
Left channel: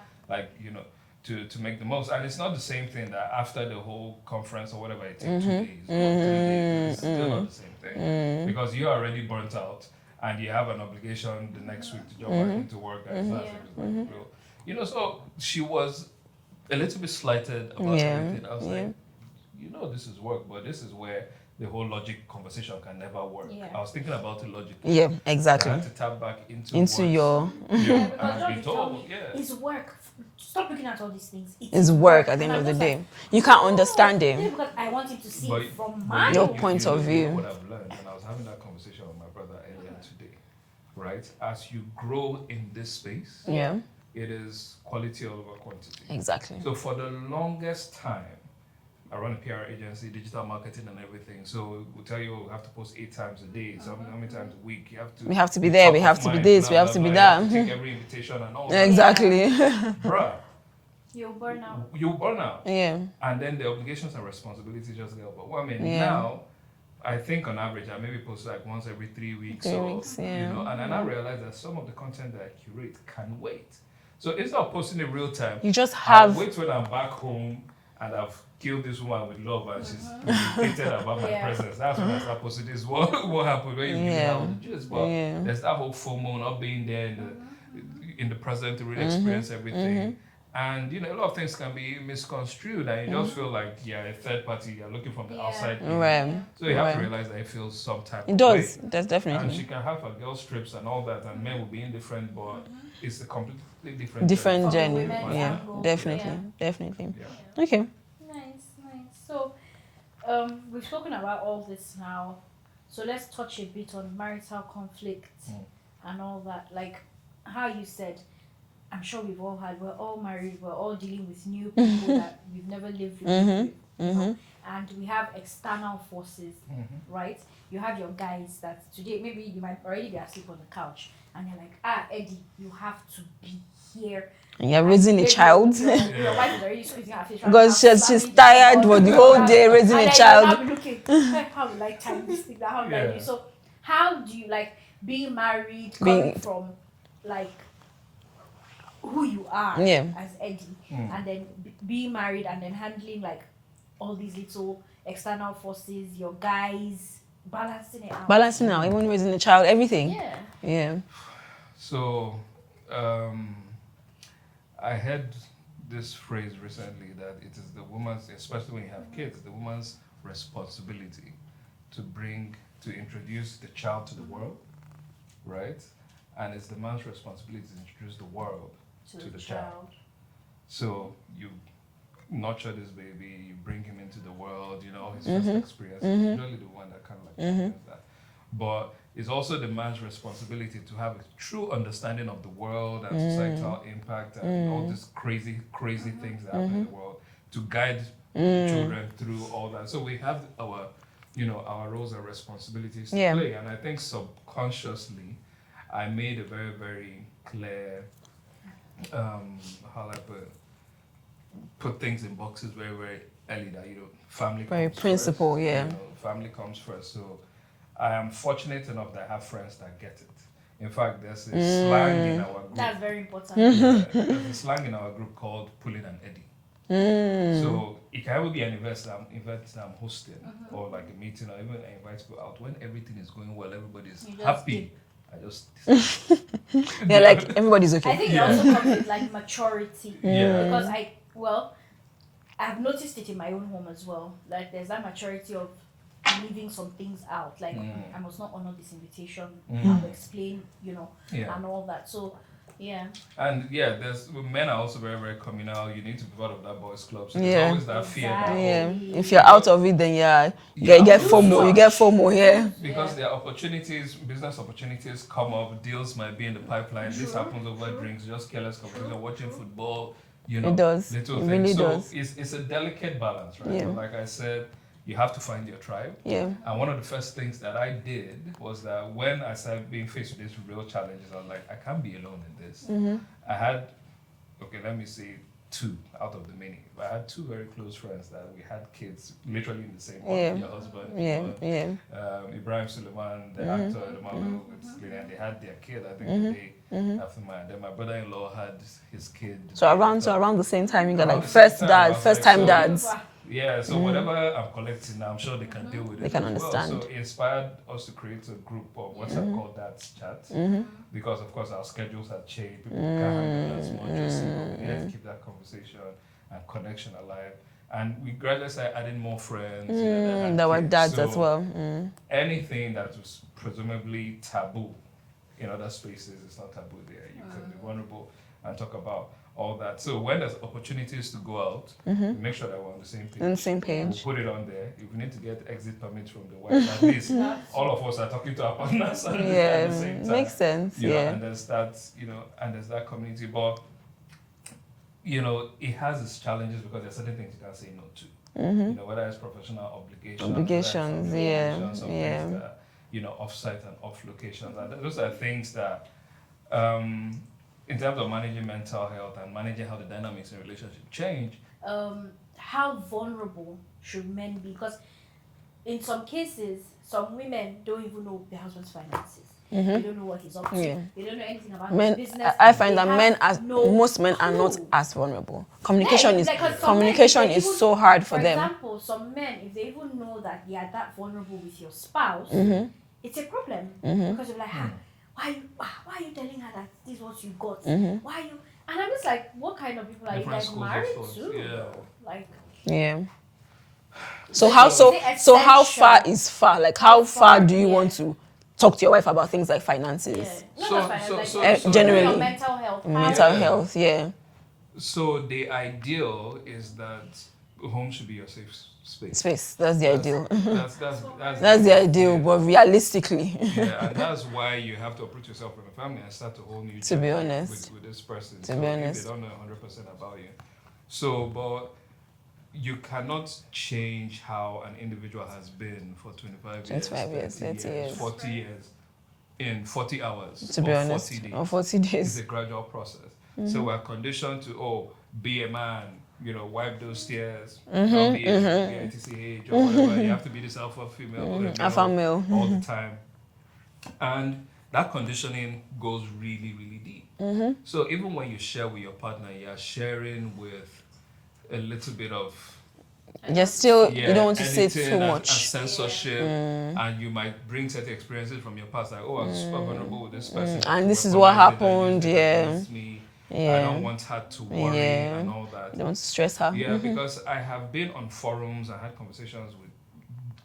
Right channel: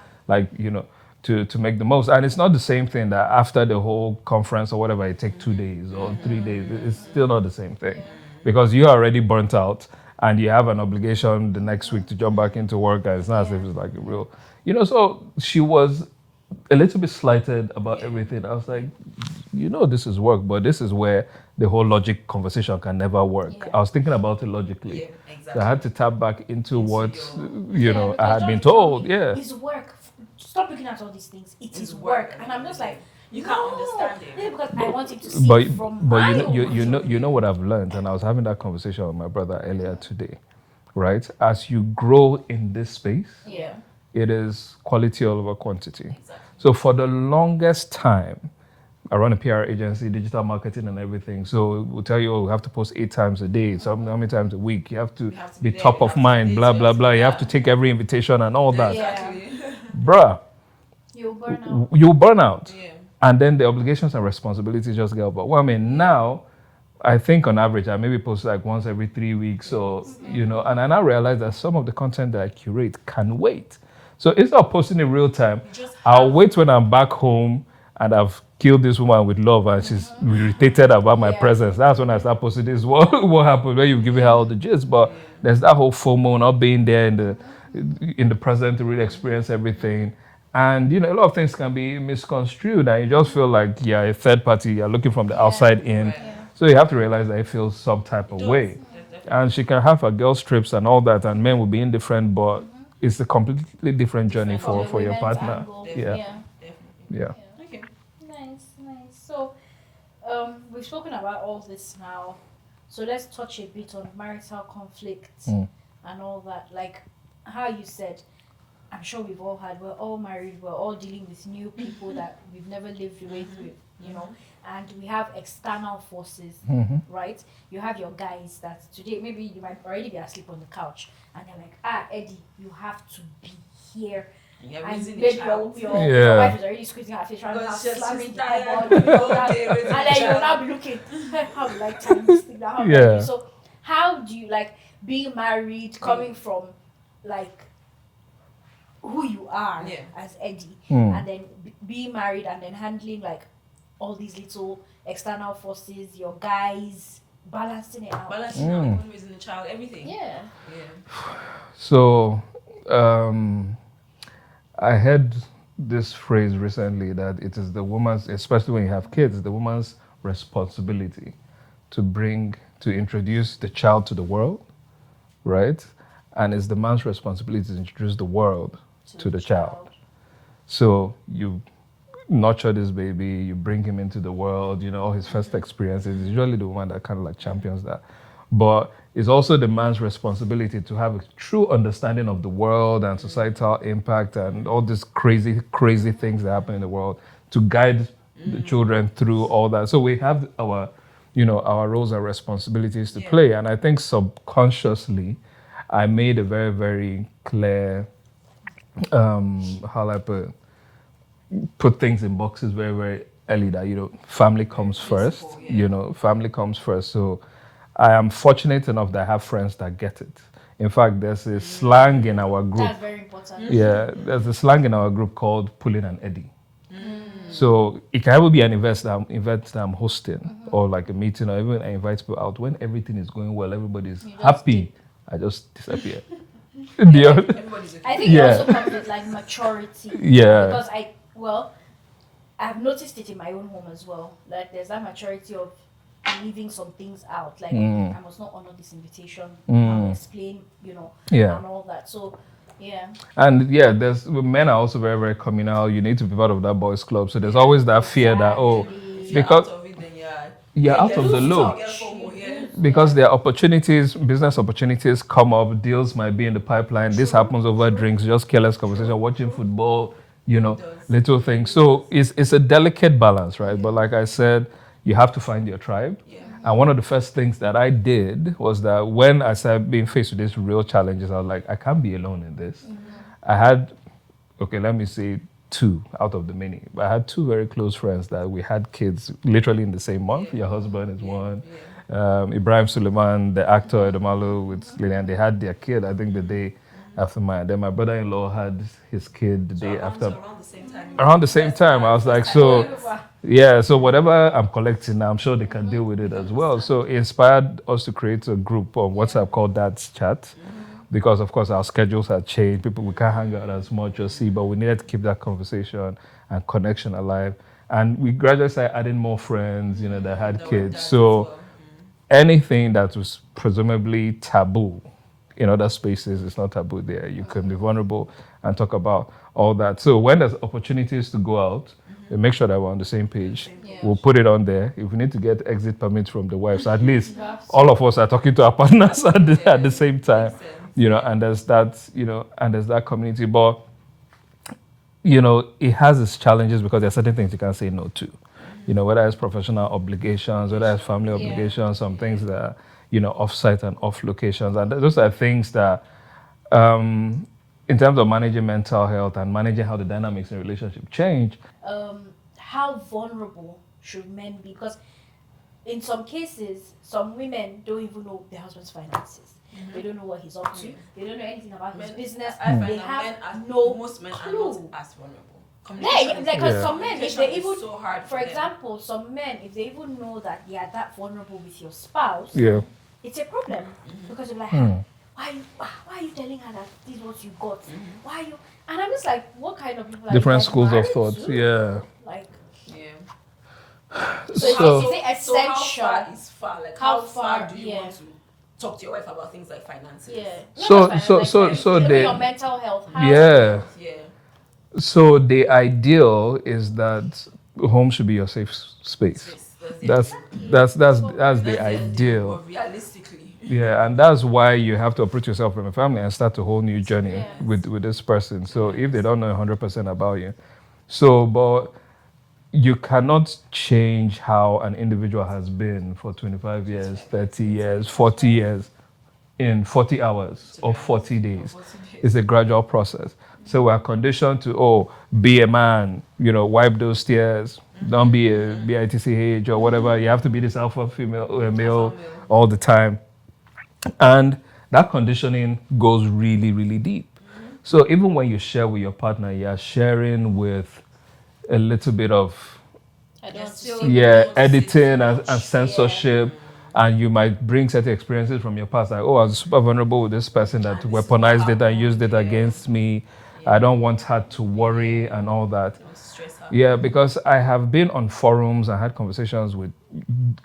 to make the most. And it's not the same thing that after the whole conference or whatever, it takes 2 days or 3 days. It's still not the same thing because you're already burnt out and you have an obligation the next week to jump back into work. And it's not as if it's like a real, so she was a little bit slighted about everything. I was like, this is work, but this is where the whole logic conversation can never work. Yeah. I was thinking about it logically. Yeah, exactly. So I had to tap back into what your I had been told. Yeah, it's work. Stop looking at all these things. It's work at the end of the day. You can't understand it. Yeah, because I want him to see it from my point of view. You know what I've learned, and I was having that conversation with my brother earlier today. Right, as you grow in this space, it is quality over quantity. Exactly. So for the longest time, I run a PR agency, digital marketing and everything. So we'll tell you, we have to post 8 times a day. So how many times a week? We have to be there. Top we of have mind, to be this. blah, We have blah, to blah. be You that. have to take every invitation and all that. Exactly. Bruh. You'll burn out. You'll burn out. Yeah. And then the obligations and responsibilities just get overwhelming. Now, I think on average, I maybe post like once every 3 weeks and I now realize that some of the content that I curate can wait. So instead of posting in real time, You just I'll have. wait when I'm back home and I've killed this woman with love and she's irritated about my presence. That's when I start posting this. What happened when you give her all the gist? But there's that whole FOMO, not being there in the present to really experience everything. And a lot of things can be misconstrued, and you just feel like a third party. You're looking from the outside in, so you have to realize that it feels some type of way. That's definitely. And she can have her girls trips and all that, and men will be indifferent, but it's a completely different journey for your partner. Definitely. Yeah. Okay. Nice. So, we've spoken about all this now. So let's touch a bit on marital conflict and all that. Like how you said, I'm sure we've all had. We're all married. We're all dealing with new people that we've never lived with. You know, and we have external forces, right? You have your guys that today maybe you might already be asleep on the couch, and they're like, Eddie, you have to be here. And you're raising a child. Your wife is already squeezing her face. Because she's tired for the whole day raising a child. And then you'll now be looking, how will I time this thing? How will I do? So how do you like being married, coming from like who you are as Eddie, and then being married and then handling like all these little external forces, your guys, balancing it out. Even raising a child, everything. Yeah. So, I heard this phrase recently that it is the woman's, especially when you have kids, the woman's responsibility to introduce the child to the world, right? And it's the man's responsibility to introduce the world to the child. So you nurture this baby, you bring him into the world, all his first experiences. It's usually the woman that kind of like champions that. But it's also the man's responsibility to have a true understanding of the world and societal impact and all these crazy things that happen in the world to guide the children through all that. So we have our roles and responsibilities to play. And I think subconsciously, I made a very, very clear, how I put things in boxes very, very early that, family comes first. Family comes first. So I am fortunate enough that I have friends that get it. In fact, there's a slang in our group. That's very important. Yeah, there's a slang in our group called pulling an Eddie. So it can ever be an event that I'm hosting or like a meeting or even I invite people out. When everything is going well, everybody's happy. I just disappear. Like, everybody's okay. I think it also comes with like maturity. Because I've noticed it in my own home as well. Like there's that maturity of leaving some things out. Like I must not honor this invitation. I'll explain, and all that. So and there's men are also very, very communal. You need to be part of that boys club. So there's always that fear that if you're out of it, then you get FOMO. You get FOMO here because there are opportunities, business opportunities come up. Deals might be in the pipeline. This happens over drinks, just careless conversation, watching football. Little things. Really so it's a delicate balance, right? But like I said, you have to find your tribe. And one of the first things that I did was that when I started being faced with these real challenges, I was like, I can't be alone in this. I had, let me say 2 out of the many. But I had 2 very close friends that we had kids literally in the same month. Your husband is one. Ibrahim Suleiman, the actor, Edamalo with Lillian, they had their kid, I think the day after mine. Then my brother-in-law had his kid the day after. So around the same time, you around the same time, I was like, dads. So whatever I'm collecting now, I'm sure they can deal with it as well. So it inspired us to create a group on WhatsApp called Dad's Chat. Because of course our schedules had changed. People we can't hang out as much or see, but we needed to keep that conversation and connection alive. And we gradually started adding more friends, that had that kids. Were dads so as well. Anything that was presumably taboo in other spaces is not taboo there. You can be vulnerable and talk about all that. So when there's opportunities to go out, we make sure that we're on the same page. We'll put it on there. If we need to get exit permits from the wives, at least all of us are talking to our partners at the same time. Makes sense. And there's that, and there's that community. But it has its challenges because there are certain things you can't say no to. Whether it's professional obligations, whether it's family obligations, some things that are, off-site and off locations. And those are things that in terms of managing mental health and managing how the dynamics in relationship change. How vulnerable should men be? Because in some cases, some women don't even know their husband's finances. They don't know what he's up to. Yeah. They don't know anything about Men, his business. I find They that have no most men are not clue. as vulnerable. Communication is 'cause some men, if they even- so hard for them. example, some men, if they even know that they are that vulnerable with your spouse, it's a problem because you're like, why are you telling her that this is what you got? Why are you? And I'm just like, what kind of people are Different you guys schools of married thought. to? Yeah. Like, Yeah. So So how is it so how essential? far is far? Like how far do you yeah. want to talk to your wife about things like finances? yeah. No, So- that's so- fine. so- Like, so generally the- your mental health. Mental Yeah. health, yeah. So the ideal is that home should be your safe space. Space. That's the That's ideal. that's That's the ideal, but realistically. Yeah, and that's why you have to uproot yourself from a family and start a whole new journey honest. with this person. To So be if they honest. don't know 100% about you, so but you cannot change how an individual has been for 25 years, 25 30 years, 30 years, years. 40 years in 40 hours To be or honest. 40 days. Or 40 days. It's a gradual process. So we're conditioned to, be a man, wipe those tears, don't be a bitch or whatever. You have to be this alpha female or a male, Alpha male. all the time. And that conditioning goes really, really deep. So even when you share with your partner, you're sharing with a little bit of You're still you don't want to say too editing and much. censorship. And you might bring certain experiences from your past, like, I was super vulnerable with this person that And this is what weaponized it and used it happened, yeah. against me. Yeah. I don't want her to worry Yeah. and all that. Don't want to stress her. Yeah, because I have been on forums and had conversations with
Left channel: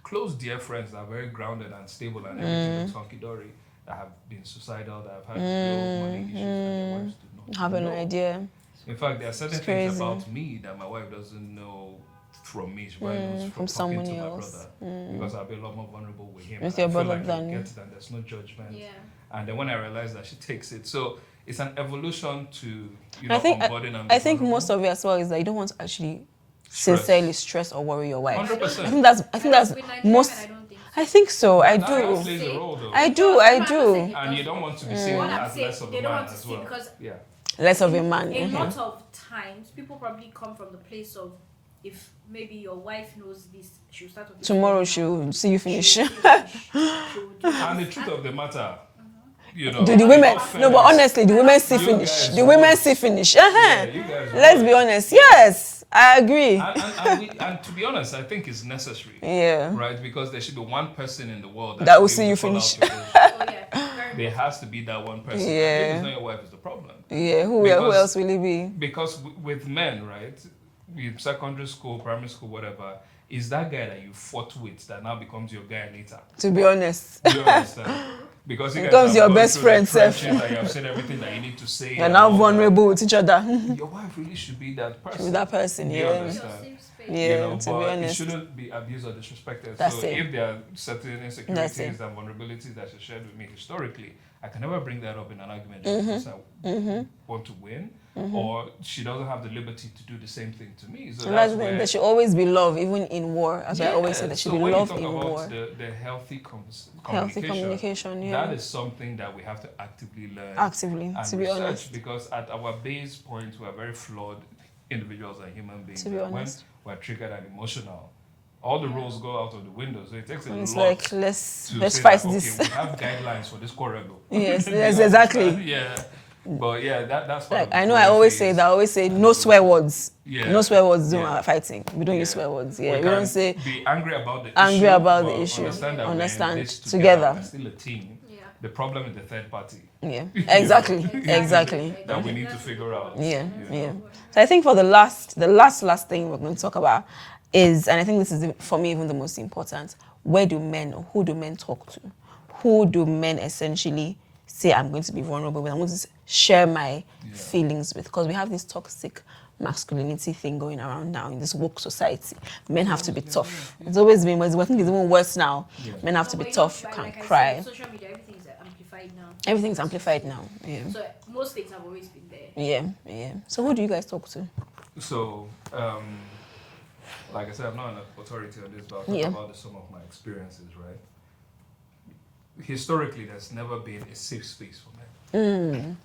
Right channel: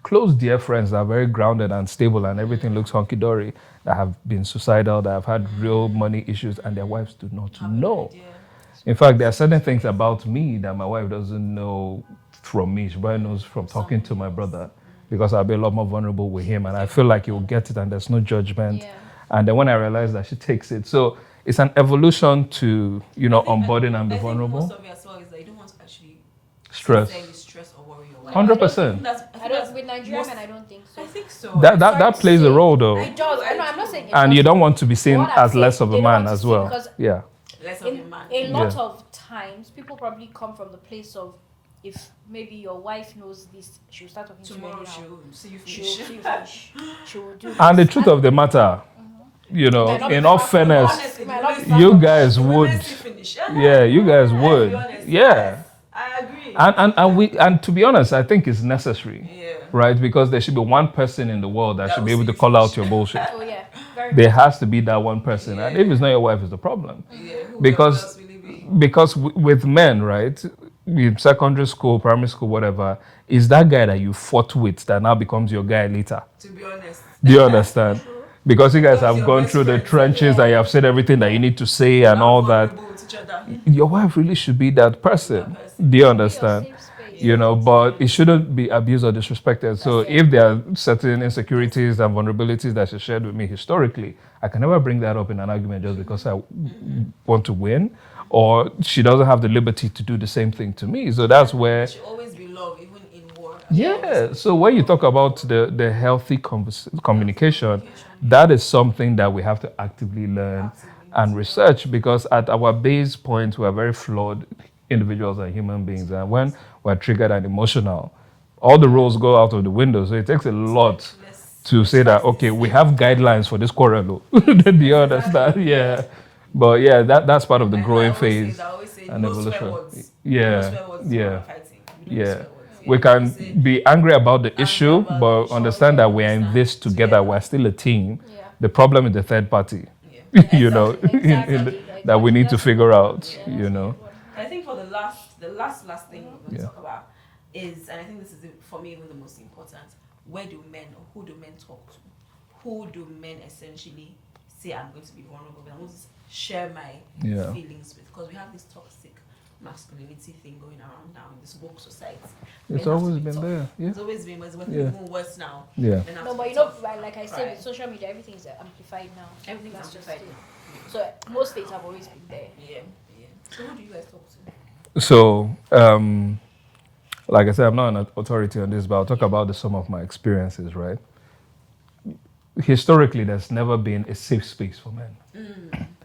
close dear friends that are very grounded and stable and everything looks hunky-dory, that have been suicidal, that have had real money issues, and their wives do not Have know. an idea. In fact, there are certain It's things crazy. about me that my wife doesn't know from me. She probably knows from talking to someone my else. brother because I'll be a lot more vulnerable with him, With and I your feel like brother he'll than- get it, and there's no judgment. Yeah. And then when I realize that, she takes it. So it's an evolution to onboarding and be I think vulnerable. most of it as well is that you don't want to actually Stress. sincerely stress or worry your wife. 100%. I think that's With Nigerian most. men, I don't think so. I think so. that I plays a role though. I do. No, I I'm not do. saying- And you don't want to be seen What I'm as saying, less of they a don't man want to as see, well. because Yeah. Less of a man. A lot Yeah. of times, people probably come from the place of, if maybe your wife knows this, she'll start talking Tomorrow to you now. she'll see you finish. She'll do this. And the truth of the matter, The in women, all no, fairness, but honestly, the women see you finish. guys The women would. see finish. yeah, you guys would. Let's be honest. Yeah. Yes, I agree. And to be honest, I think it's necessary. Yeah. Right? Because there should be one person in the world that, That should will be see able you to call out finish. your bullshit. Oh yeah, very There has to be that one person. Yeah. And if it's not your wife, it's the problem. Yeah, who Because- else will it be? Because with men, right, in secondary school, primary school, whatever, is that guy that you fought with that now becomes your guy later. To be honest. Do you understand? Because you guys Becomes have your gone best through the friend, trenches and you have said everything that you need to say and how all that. vulnerable with each other. Your wife really should be that person. That person, Do you yeah. understand? Yeah, But to be it honest. shouldn't be abused or disrespected. So it. if there are certain insecurities and vulnerabilities that she shared with me historically, I can never bring that up in an argument just because I want to win, or she doesn't have the liberty to do the same thing to me. So that's where, there should always be love, even in war. As I always say, there should So be when you love talk in about war. the healthy communication, communication, that is something that we have to actively learn Actively, and to be research, honest. because at our base point, we are very flawed individuals and human beings. To be And when honest. we're triggered and emotional, all the rules go out of the window. So it takes a It's lot like, let's say that, fight okay, this. we have guidelines for this quarrel. Though. Yes, Do you yes, understand? exactly. Yeah. But yeah, that's part of the I know. growing I always phase. say that. I always say and no swear evolution. words. Yeah. No swear words during Yeah. our fighting. We don't use swear words. Yeah, We don't can say be angry about the angry issue, about the but issue. understand that we're in Understand. this together. Together. We're still a team. Yeah. The problem is the third party. yeah. You Exactly. know, Exactly. that we need to figure out. Yeah. You know. Yeah. So I think for the last thing we're going to talk about is, and I think this is for me even the most important, who do men talk to? Who do men essentially say I'm going to be vulnerable with? I'm going to share my feelings with? Because we have this toxic masculinity thing going around now in this woke society. Men have to be tough. It's always been, but I think it's even worse now. Yeah. Men have to but be you know, tough, like can't I cry. said, social media, everything's amplified now. Everything's amplified now. Yeah. So most things have always been there. Yeah, yeah. So who do you guys talk to? So, like I said, I'm not an authority on this, but I'll talk Yeah. about some of my experiences, right? Historically, there's never been a safe space for men.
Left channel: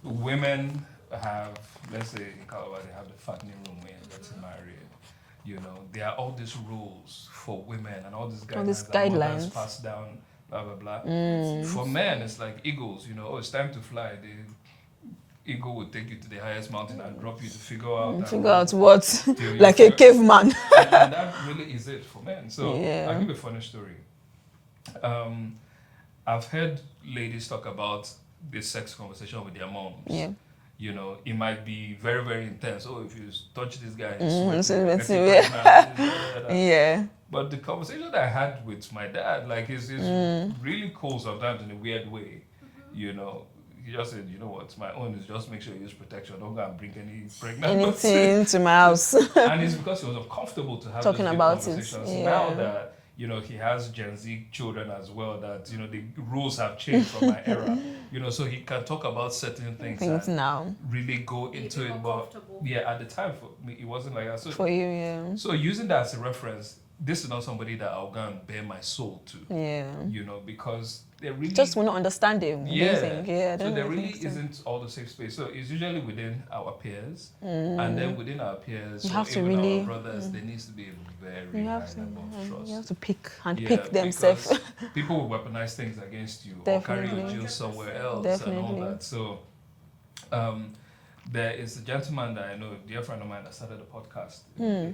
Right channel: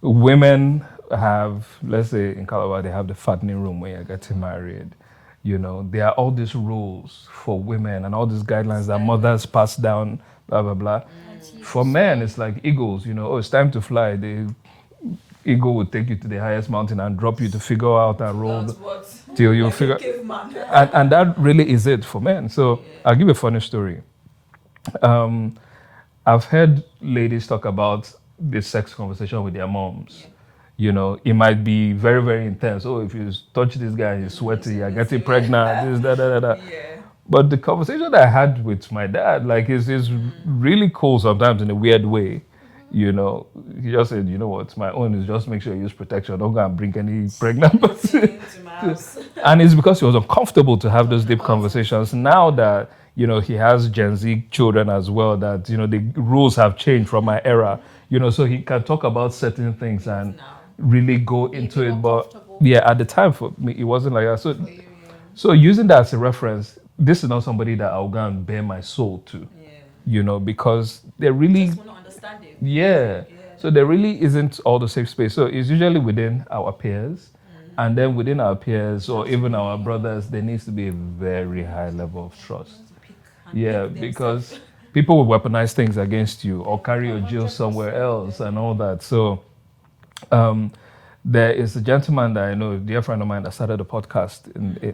Women have, let's say in Calabar, they have the fattening room when you're getting married. You know, there are all these rules for women and all these guidelines that mothers guidelines. pass down blah, blah, blah. For men, it's like eagles, it's time to fly. The eagle will take you to the highest mountain and drop you to figure out and Figure roll out what? till you Like a caveman. and that really is it for men. So Yeah. I'll give a funny story. I've heard ladies talk about the sex conversation with their moms. Yeah. It might be very, very intense. Oh, if you touch this guy, he's sweating, you're getting yeah. pregnant, this, da, da, da, da. Yeah. But the conversation that I had with my dad, like, is really cool sometimes in a weird way. He just said, you know what, my own is just make sure you use protection. Don't go and bring any pregnant person Anything to my house. And it's because he was uncomfortable to have those Talking deep about conversations. it, yeah. Now that, he has Gen Z children as well, that, the rules have changed from my era, so he can talk about certain things and now. really go into it. But yeah, at the time for me, it wasn't like that. So, For you, yeah. so using that as a reference, this is not somebody that I'll go and bare my soul to. Yeah. Because they really Just will not understand it. yeah. So there really isn't all the safe space. So it's usually within our peers, and then within our peers You or have to even our really- brothers, there needs to be a very high level of You trust. have to pick and Yeah, pick themselves. because people will weaponize things against you or carry your Definitely. jail somewhere else and all Definitely. that. So there is a gentleman that I know, a dear friend of mine, that started a podcast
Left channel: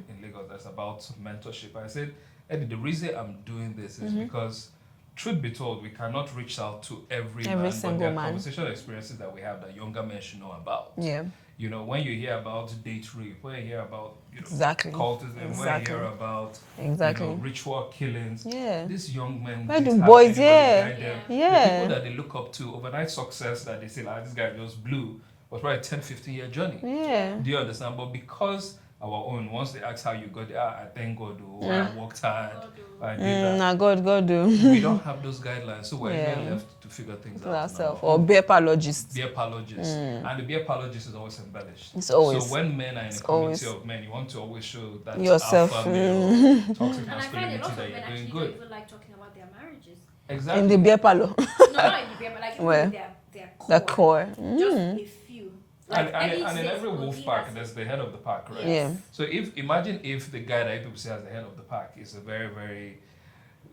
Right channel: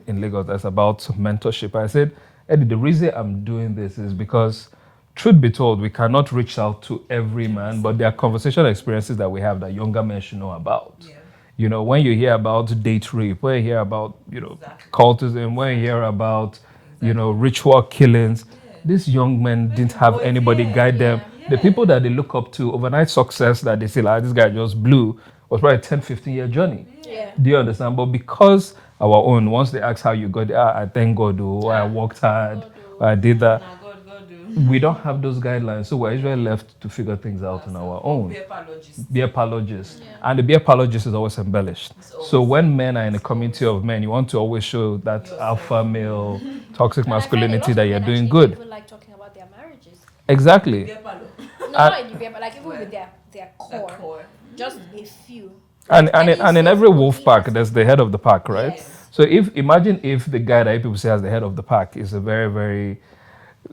in Lagos that's about mentorship. I said, Eddie, the reason I'm doing this is because, truth be told, we cannot reach out to every man, but single there are man. conversational experiences that we have that younger men should know about. Yeah. When you hear about date rape, when you hear about, Exactly. cultism, when you Exactly. hear about, Exactly. ritual killings, Yeah. these young men Where didn't do have boys- anybody yeah. guide them. Yeah. The people that they look up to, overnight success that they say, this guy just blew, was probably a 10, 15-year journey. Yeah. Do you understand? But because our own, once they ask how you got there, I thank God, I worked hard, I did that. Nah, God do. We don't have those guidelines, so we're Yeah. usually left to figure things out on our Ourselves. Or own. beer apologists. Beer apologist. And the beer apologist is always embellished. It's always. So when men are in a community always. of men, you want to always show that Yourself. alpha male, toxic And I find a lot masculinity of that you're men doing actually good. don't even like talking about their marriages. Exactly. The beer parlor. No, not in the beer, but like even Where? with their core. The core. Just a few. And Any in safe every word wolf you pack, have- there's the head of the pack, right? Yeah. So imagine if the guy that people say as the head of the pack is a very, very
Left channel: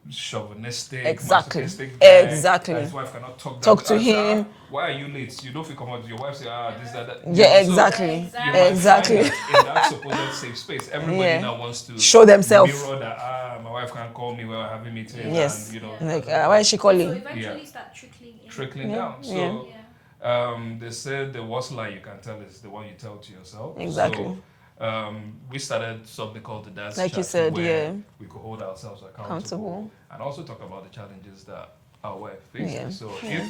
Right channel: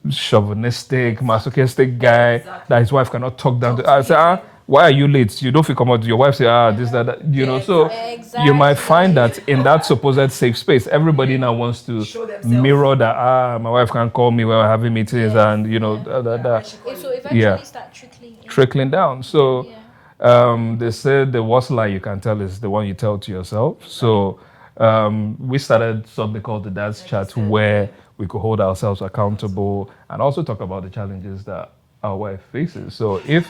chauvinistic, Exactly. masochistic guy Exactly. that his wife cannot talk down Talk to. to I say, him. why are you late? You don't feel come out. Your wife say, this, that. Yeah, So exactly. you might Exactly. find that in that supposed safe space, everybody Yeah. now wants to Show themselves. mirror that. My wife can't call me when we're having meetings, Yes. and Why is she calling? So eventually Yeah. start trickling in. trickling down. So they said the worst lie you can tell is the one you tell to yourself. So we started something called the Dance Like you Chat, said, where yeah. we could hold ourselves accountable and also talk about the challenges that our wife faces. Yeah. So if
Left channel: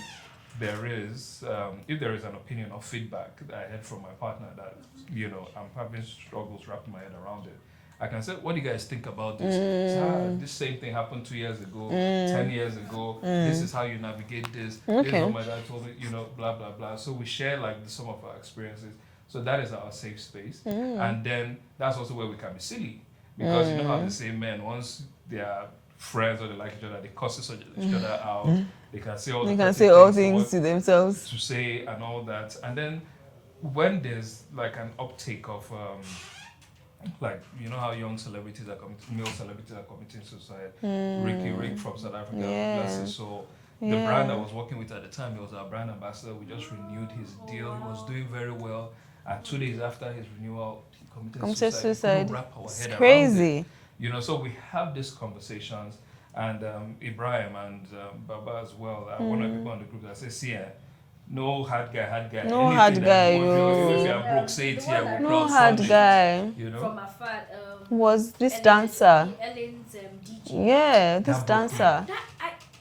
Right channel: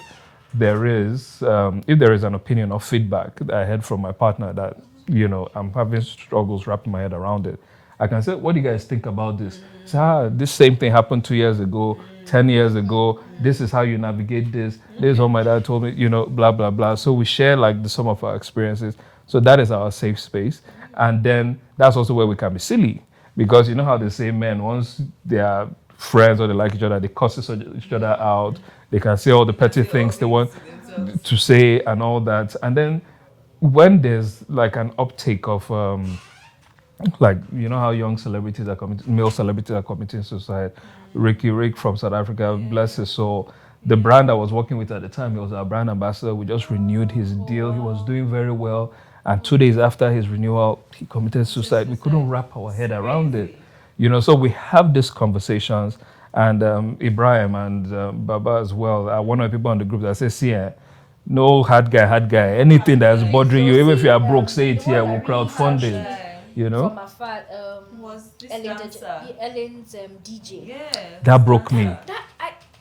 there is an opinion or feedback that I heard from my partner that I'm having struggles wrapping my head around it, I can say, what do you guys think about this? Say, this same thing happened 2 years ago, 10 years ago. This is how you navigate this. This is what my dad told me, blah, blah, blah. So we share like the sum of our experiences. So that is our safe space. And then that's also where we can be silly. Because you know how they say men, once they are friends or they like each other, they cuss each other out. They can say all the They can petty say all things they want to themselves. to say and all that. And then when there's like an uptake of like how young celebrities are male celebrities are committing suicide. Rick from South Africa, Yeah. bless his soul. The brand I was working with at the time, he was our brand ambassador. We just renewed his deal. He was doing very well. And 2 days after his renewal, he committed suicide. We couldn't wrap our head around Crazy. it. So we have these conversations. And Ibrahim and Baba as well are one of the people on the group that says, see, no hard guy. No Anything hard that's guy, bothering you, yo. even if you are broke, say it here, we'll Hard crowdfund it. guy. From afar, Was this Ellen- dancer? Ellen's DJ. Yeah. That this broke me. dancer.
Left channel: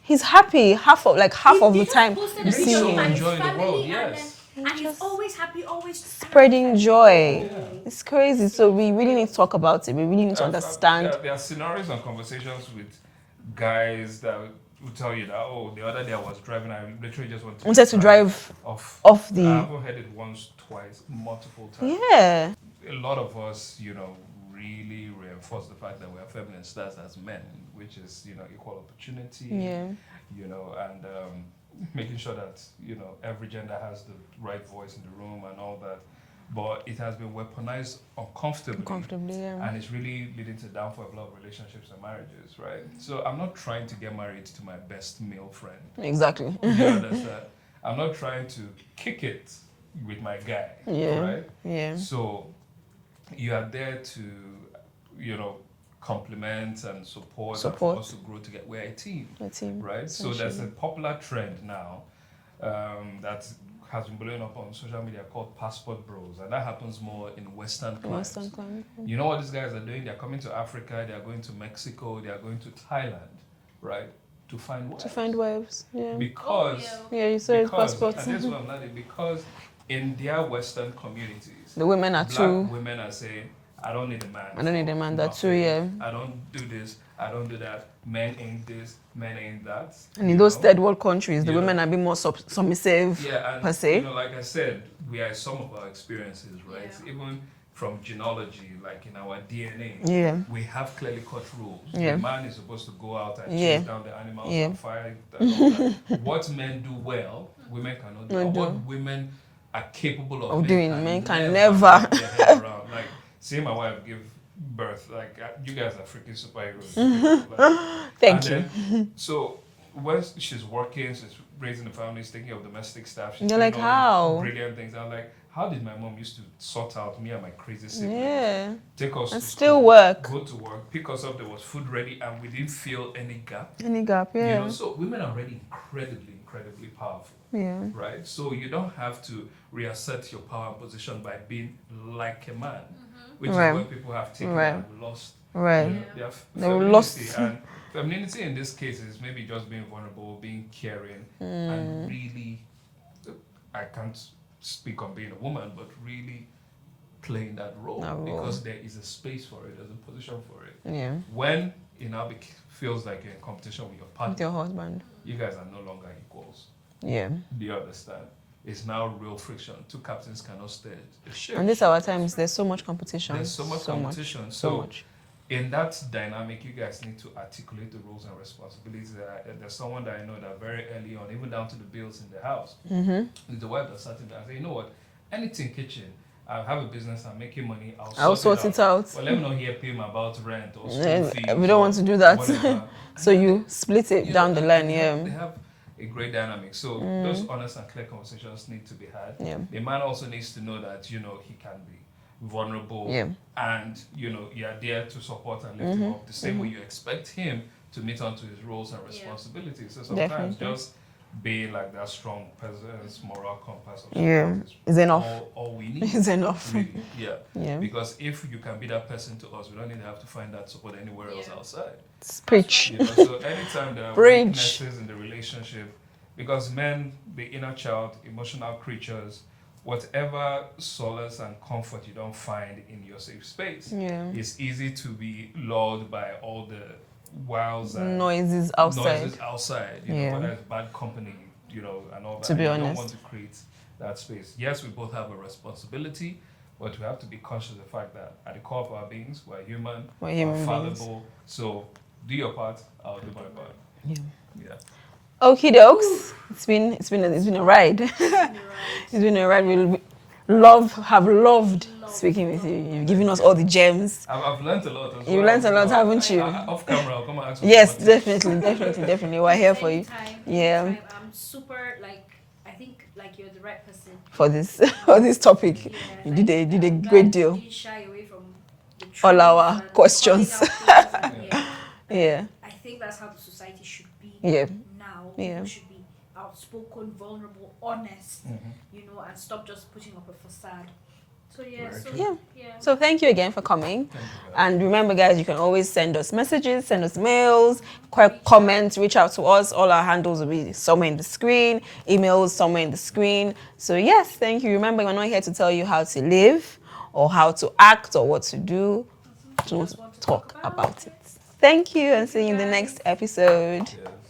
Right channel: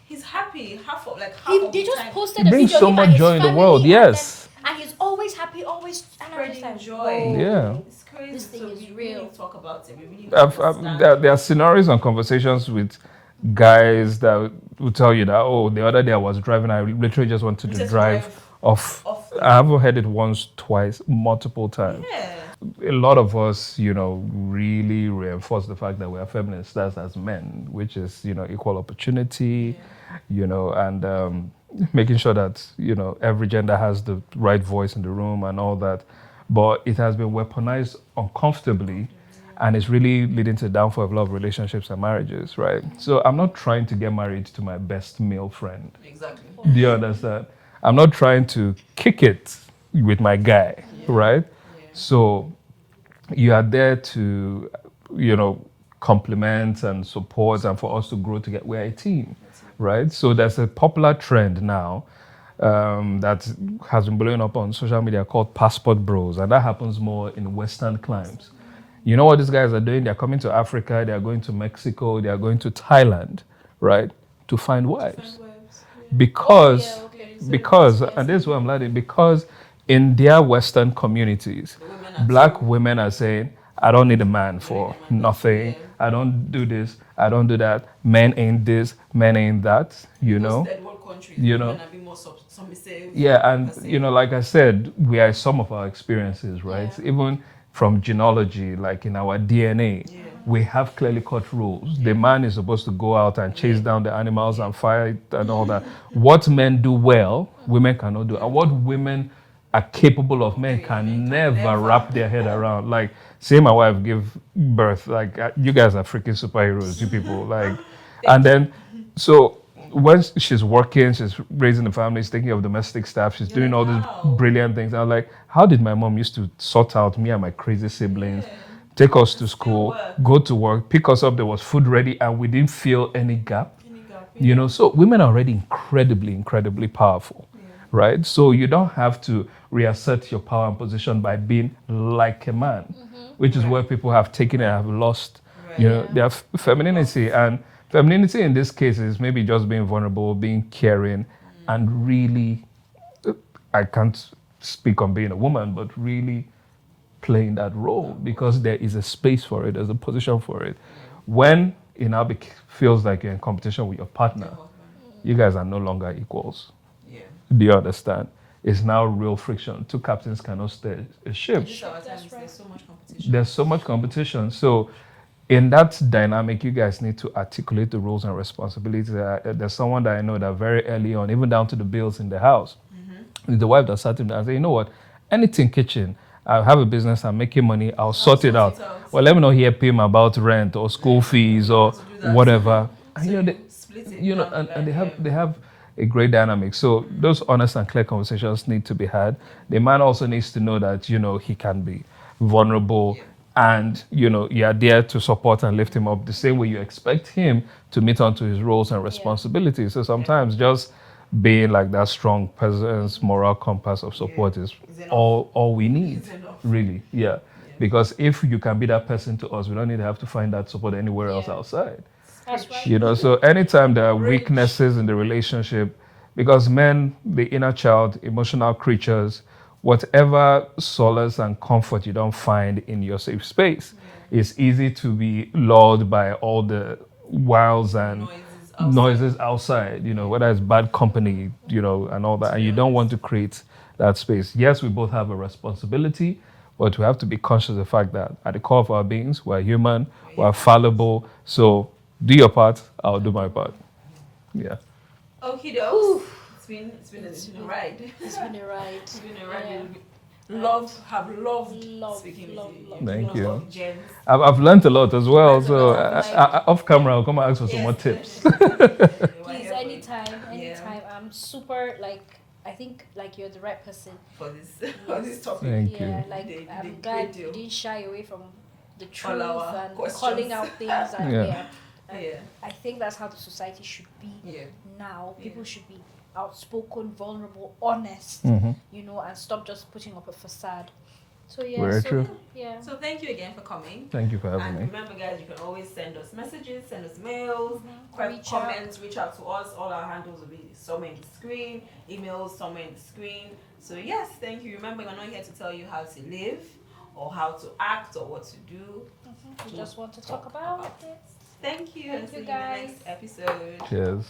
He's happy half of the just time. posted a Brings video so of him much and his joy in the family, world, and yes. then- And he's always happy, always Spreading joy. Yeah. It's crazy. So we really need to talk about it. We really need to understand. There are scenarios and conversations with guys that will tell you that, the other day I was driving, I literally just wanted to drive off the- I haven't heard it once, twice, multiple times. Yeah. A lot of us, really reinforce the fact that we are feminists, that's as men, which is, equal opportunity, and making sure that, every gender has the right voice in the room and all that. but it has been weaponized uncomfortably, and it's really leading to the downfall of a lot of relationships and marriages, right? So I'm not trying to get married to my best male friend. Exactly. Do you understand? I'm not trying to kick it with my guy, right? Yeah. So you are there to, complement and support and for us to grow together. We're a team, right? So there's a popular trend now that has been blowing up on social media called passport bros, and that happens more in Western climes. You know what these guys are doing? They're coming to Africa, they are going to Mexico, they are going to Thailand, right? To find wives. Yeah. Because, because, and this is what I'm learning, because in their Western communities, the women are black women are saying, I don't need a man for nothing. Yeah. I don't do this. I don't do that. Men ain't this. Men ain't that. And in those third world countries, the women are being more submissive. Yeah, and per se. like I said, we are some of our experiences, right? Yeah. Even from genealogy, like in our DNA, we have clearly cut rules. Yeah. The man is supposed to go out and chase down the animals and fight and all that. What men do well, women cannot do. And what women are capable of men can never wrap their head around. Like, say my wife give birth, like you guys are freaking superheroes, you people. Like, and then, so when she's working, she's raising the family, she's taking care of domestic staff, she's doing all these brilliant things. I was like, how did my mom used to sort out me and my crazy siblings, take us to school, go to work, pick us up, there was food ready, and we didn't feel any gap. So women are already incredibly powerful, right? So you don't have to reassert your power and position by being like a man, which is where people have taken and have lost, their femininity. And femininity in this case is maybe just being vulnerable, being caring, and really, I can't speak on being a woman, but really playing that role because there is a space for it, there's a position for it. When it now feels like you're in competition with your partner, your husband, you guys are no longer equals. Do you understand? It's now real friction. Two captains cannot steer a ship. In this our times, there's so much competition. There's so much competition. So in that dynamic, you guys need to articulate the roles and responsibilities. There's someone that I know that very early on, even down to the bills in the house, the wife that sat him down and said, you know what, anything kitchen, I have a business, I'm making money, I'll sort it out. Well, let me not hear him about rent or school fees we don't want to do that. Whatever. So you split it down the line. They have a great dynamic. So those honest and clear conversations need to be had. The man also needs to know that, he can be vulnerable and, you are there to support and lift him up the same way you expect him to meet onto his roles and responsibilities. So sometimes just being like that strong presence, moral compass of support is enough. All we need. Is enough. Really, Because if you can be that person to us, we don't need to have to find that support anywhere else outside. Preach. So anytime there are weaknesses in the relationship, because men, the inner child, emotional creatures, whatever solace and comfort you don't find in your safe space, it's easy to be lulled by all the wiles and noises outside, whether it's bad company, and all that. And you don't want to create that space. Yes, we both have a responsibility, but we have to be conscious of the fact that at the core of our beings, we're human, we're fallible. So do your part, I'll do my part. Okie dokes. It's been a ride. It's been a ride. Have loved speaking with you. You've given us all the gems. I've learned a lot as well. Learned a lot, haven't you? Off camera, I'll come and ask for yes, some more tips. definitely. We're here for you. Anytime. I'm super I think you're the right person for this topic. You did a great deal. Didn't shy away from the truth all our questions. I think that's how the society should be now. People should be outspoken, vulnerable, honest, and stop just putting up a facade. So Very true. So thank you again for coming. Thank you for having me. And remember, guys, you can always send us messages, send us mails, comments, reach out to us. All our handles will be somewhere in the screen, emails somewhere in the screen. So yes, thank you. Remember, we're not here to tell you how to live or how to act or what to do. To talk about it. Thank you, and see you in the next episode. Cheers.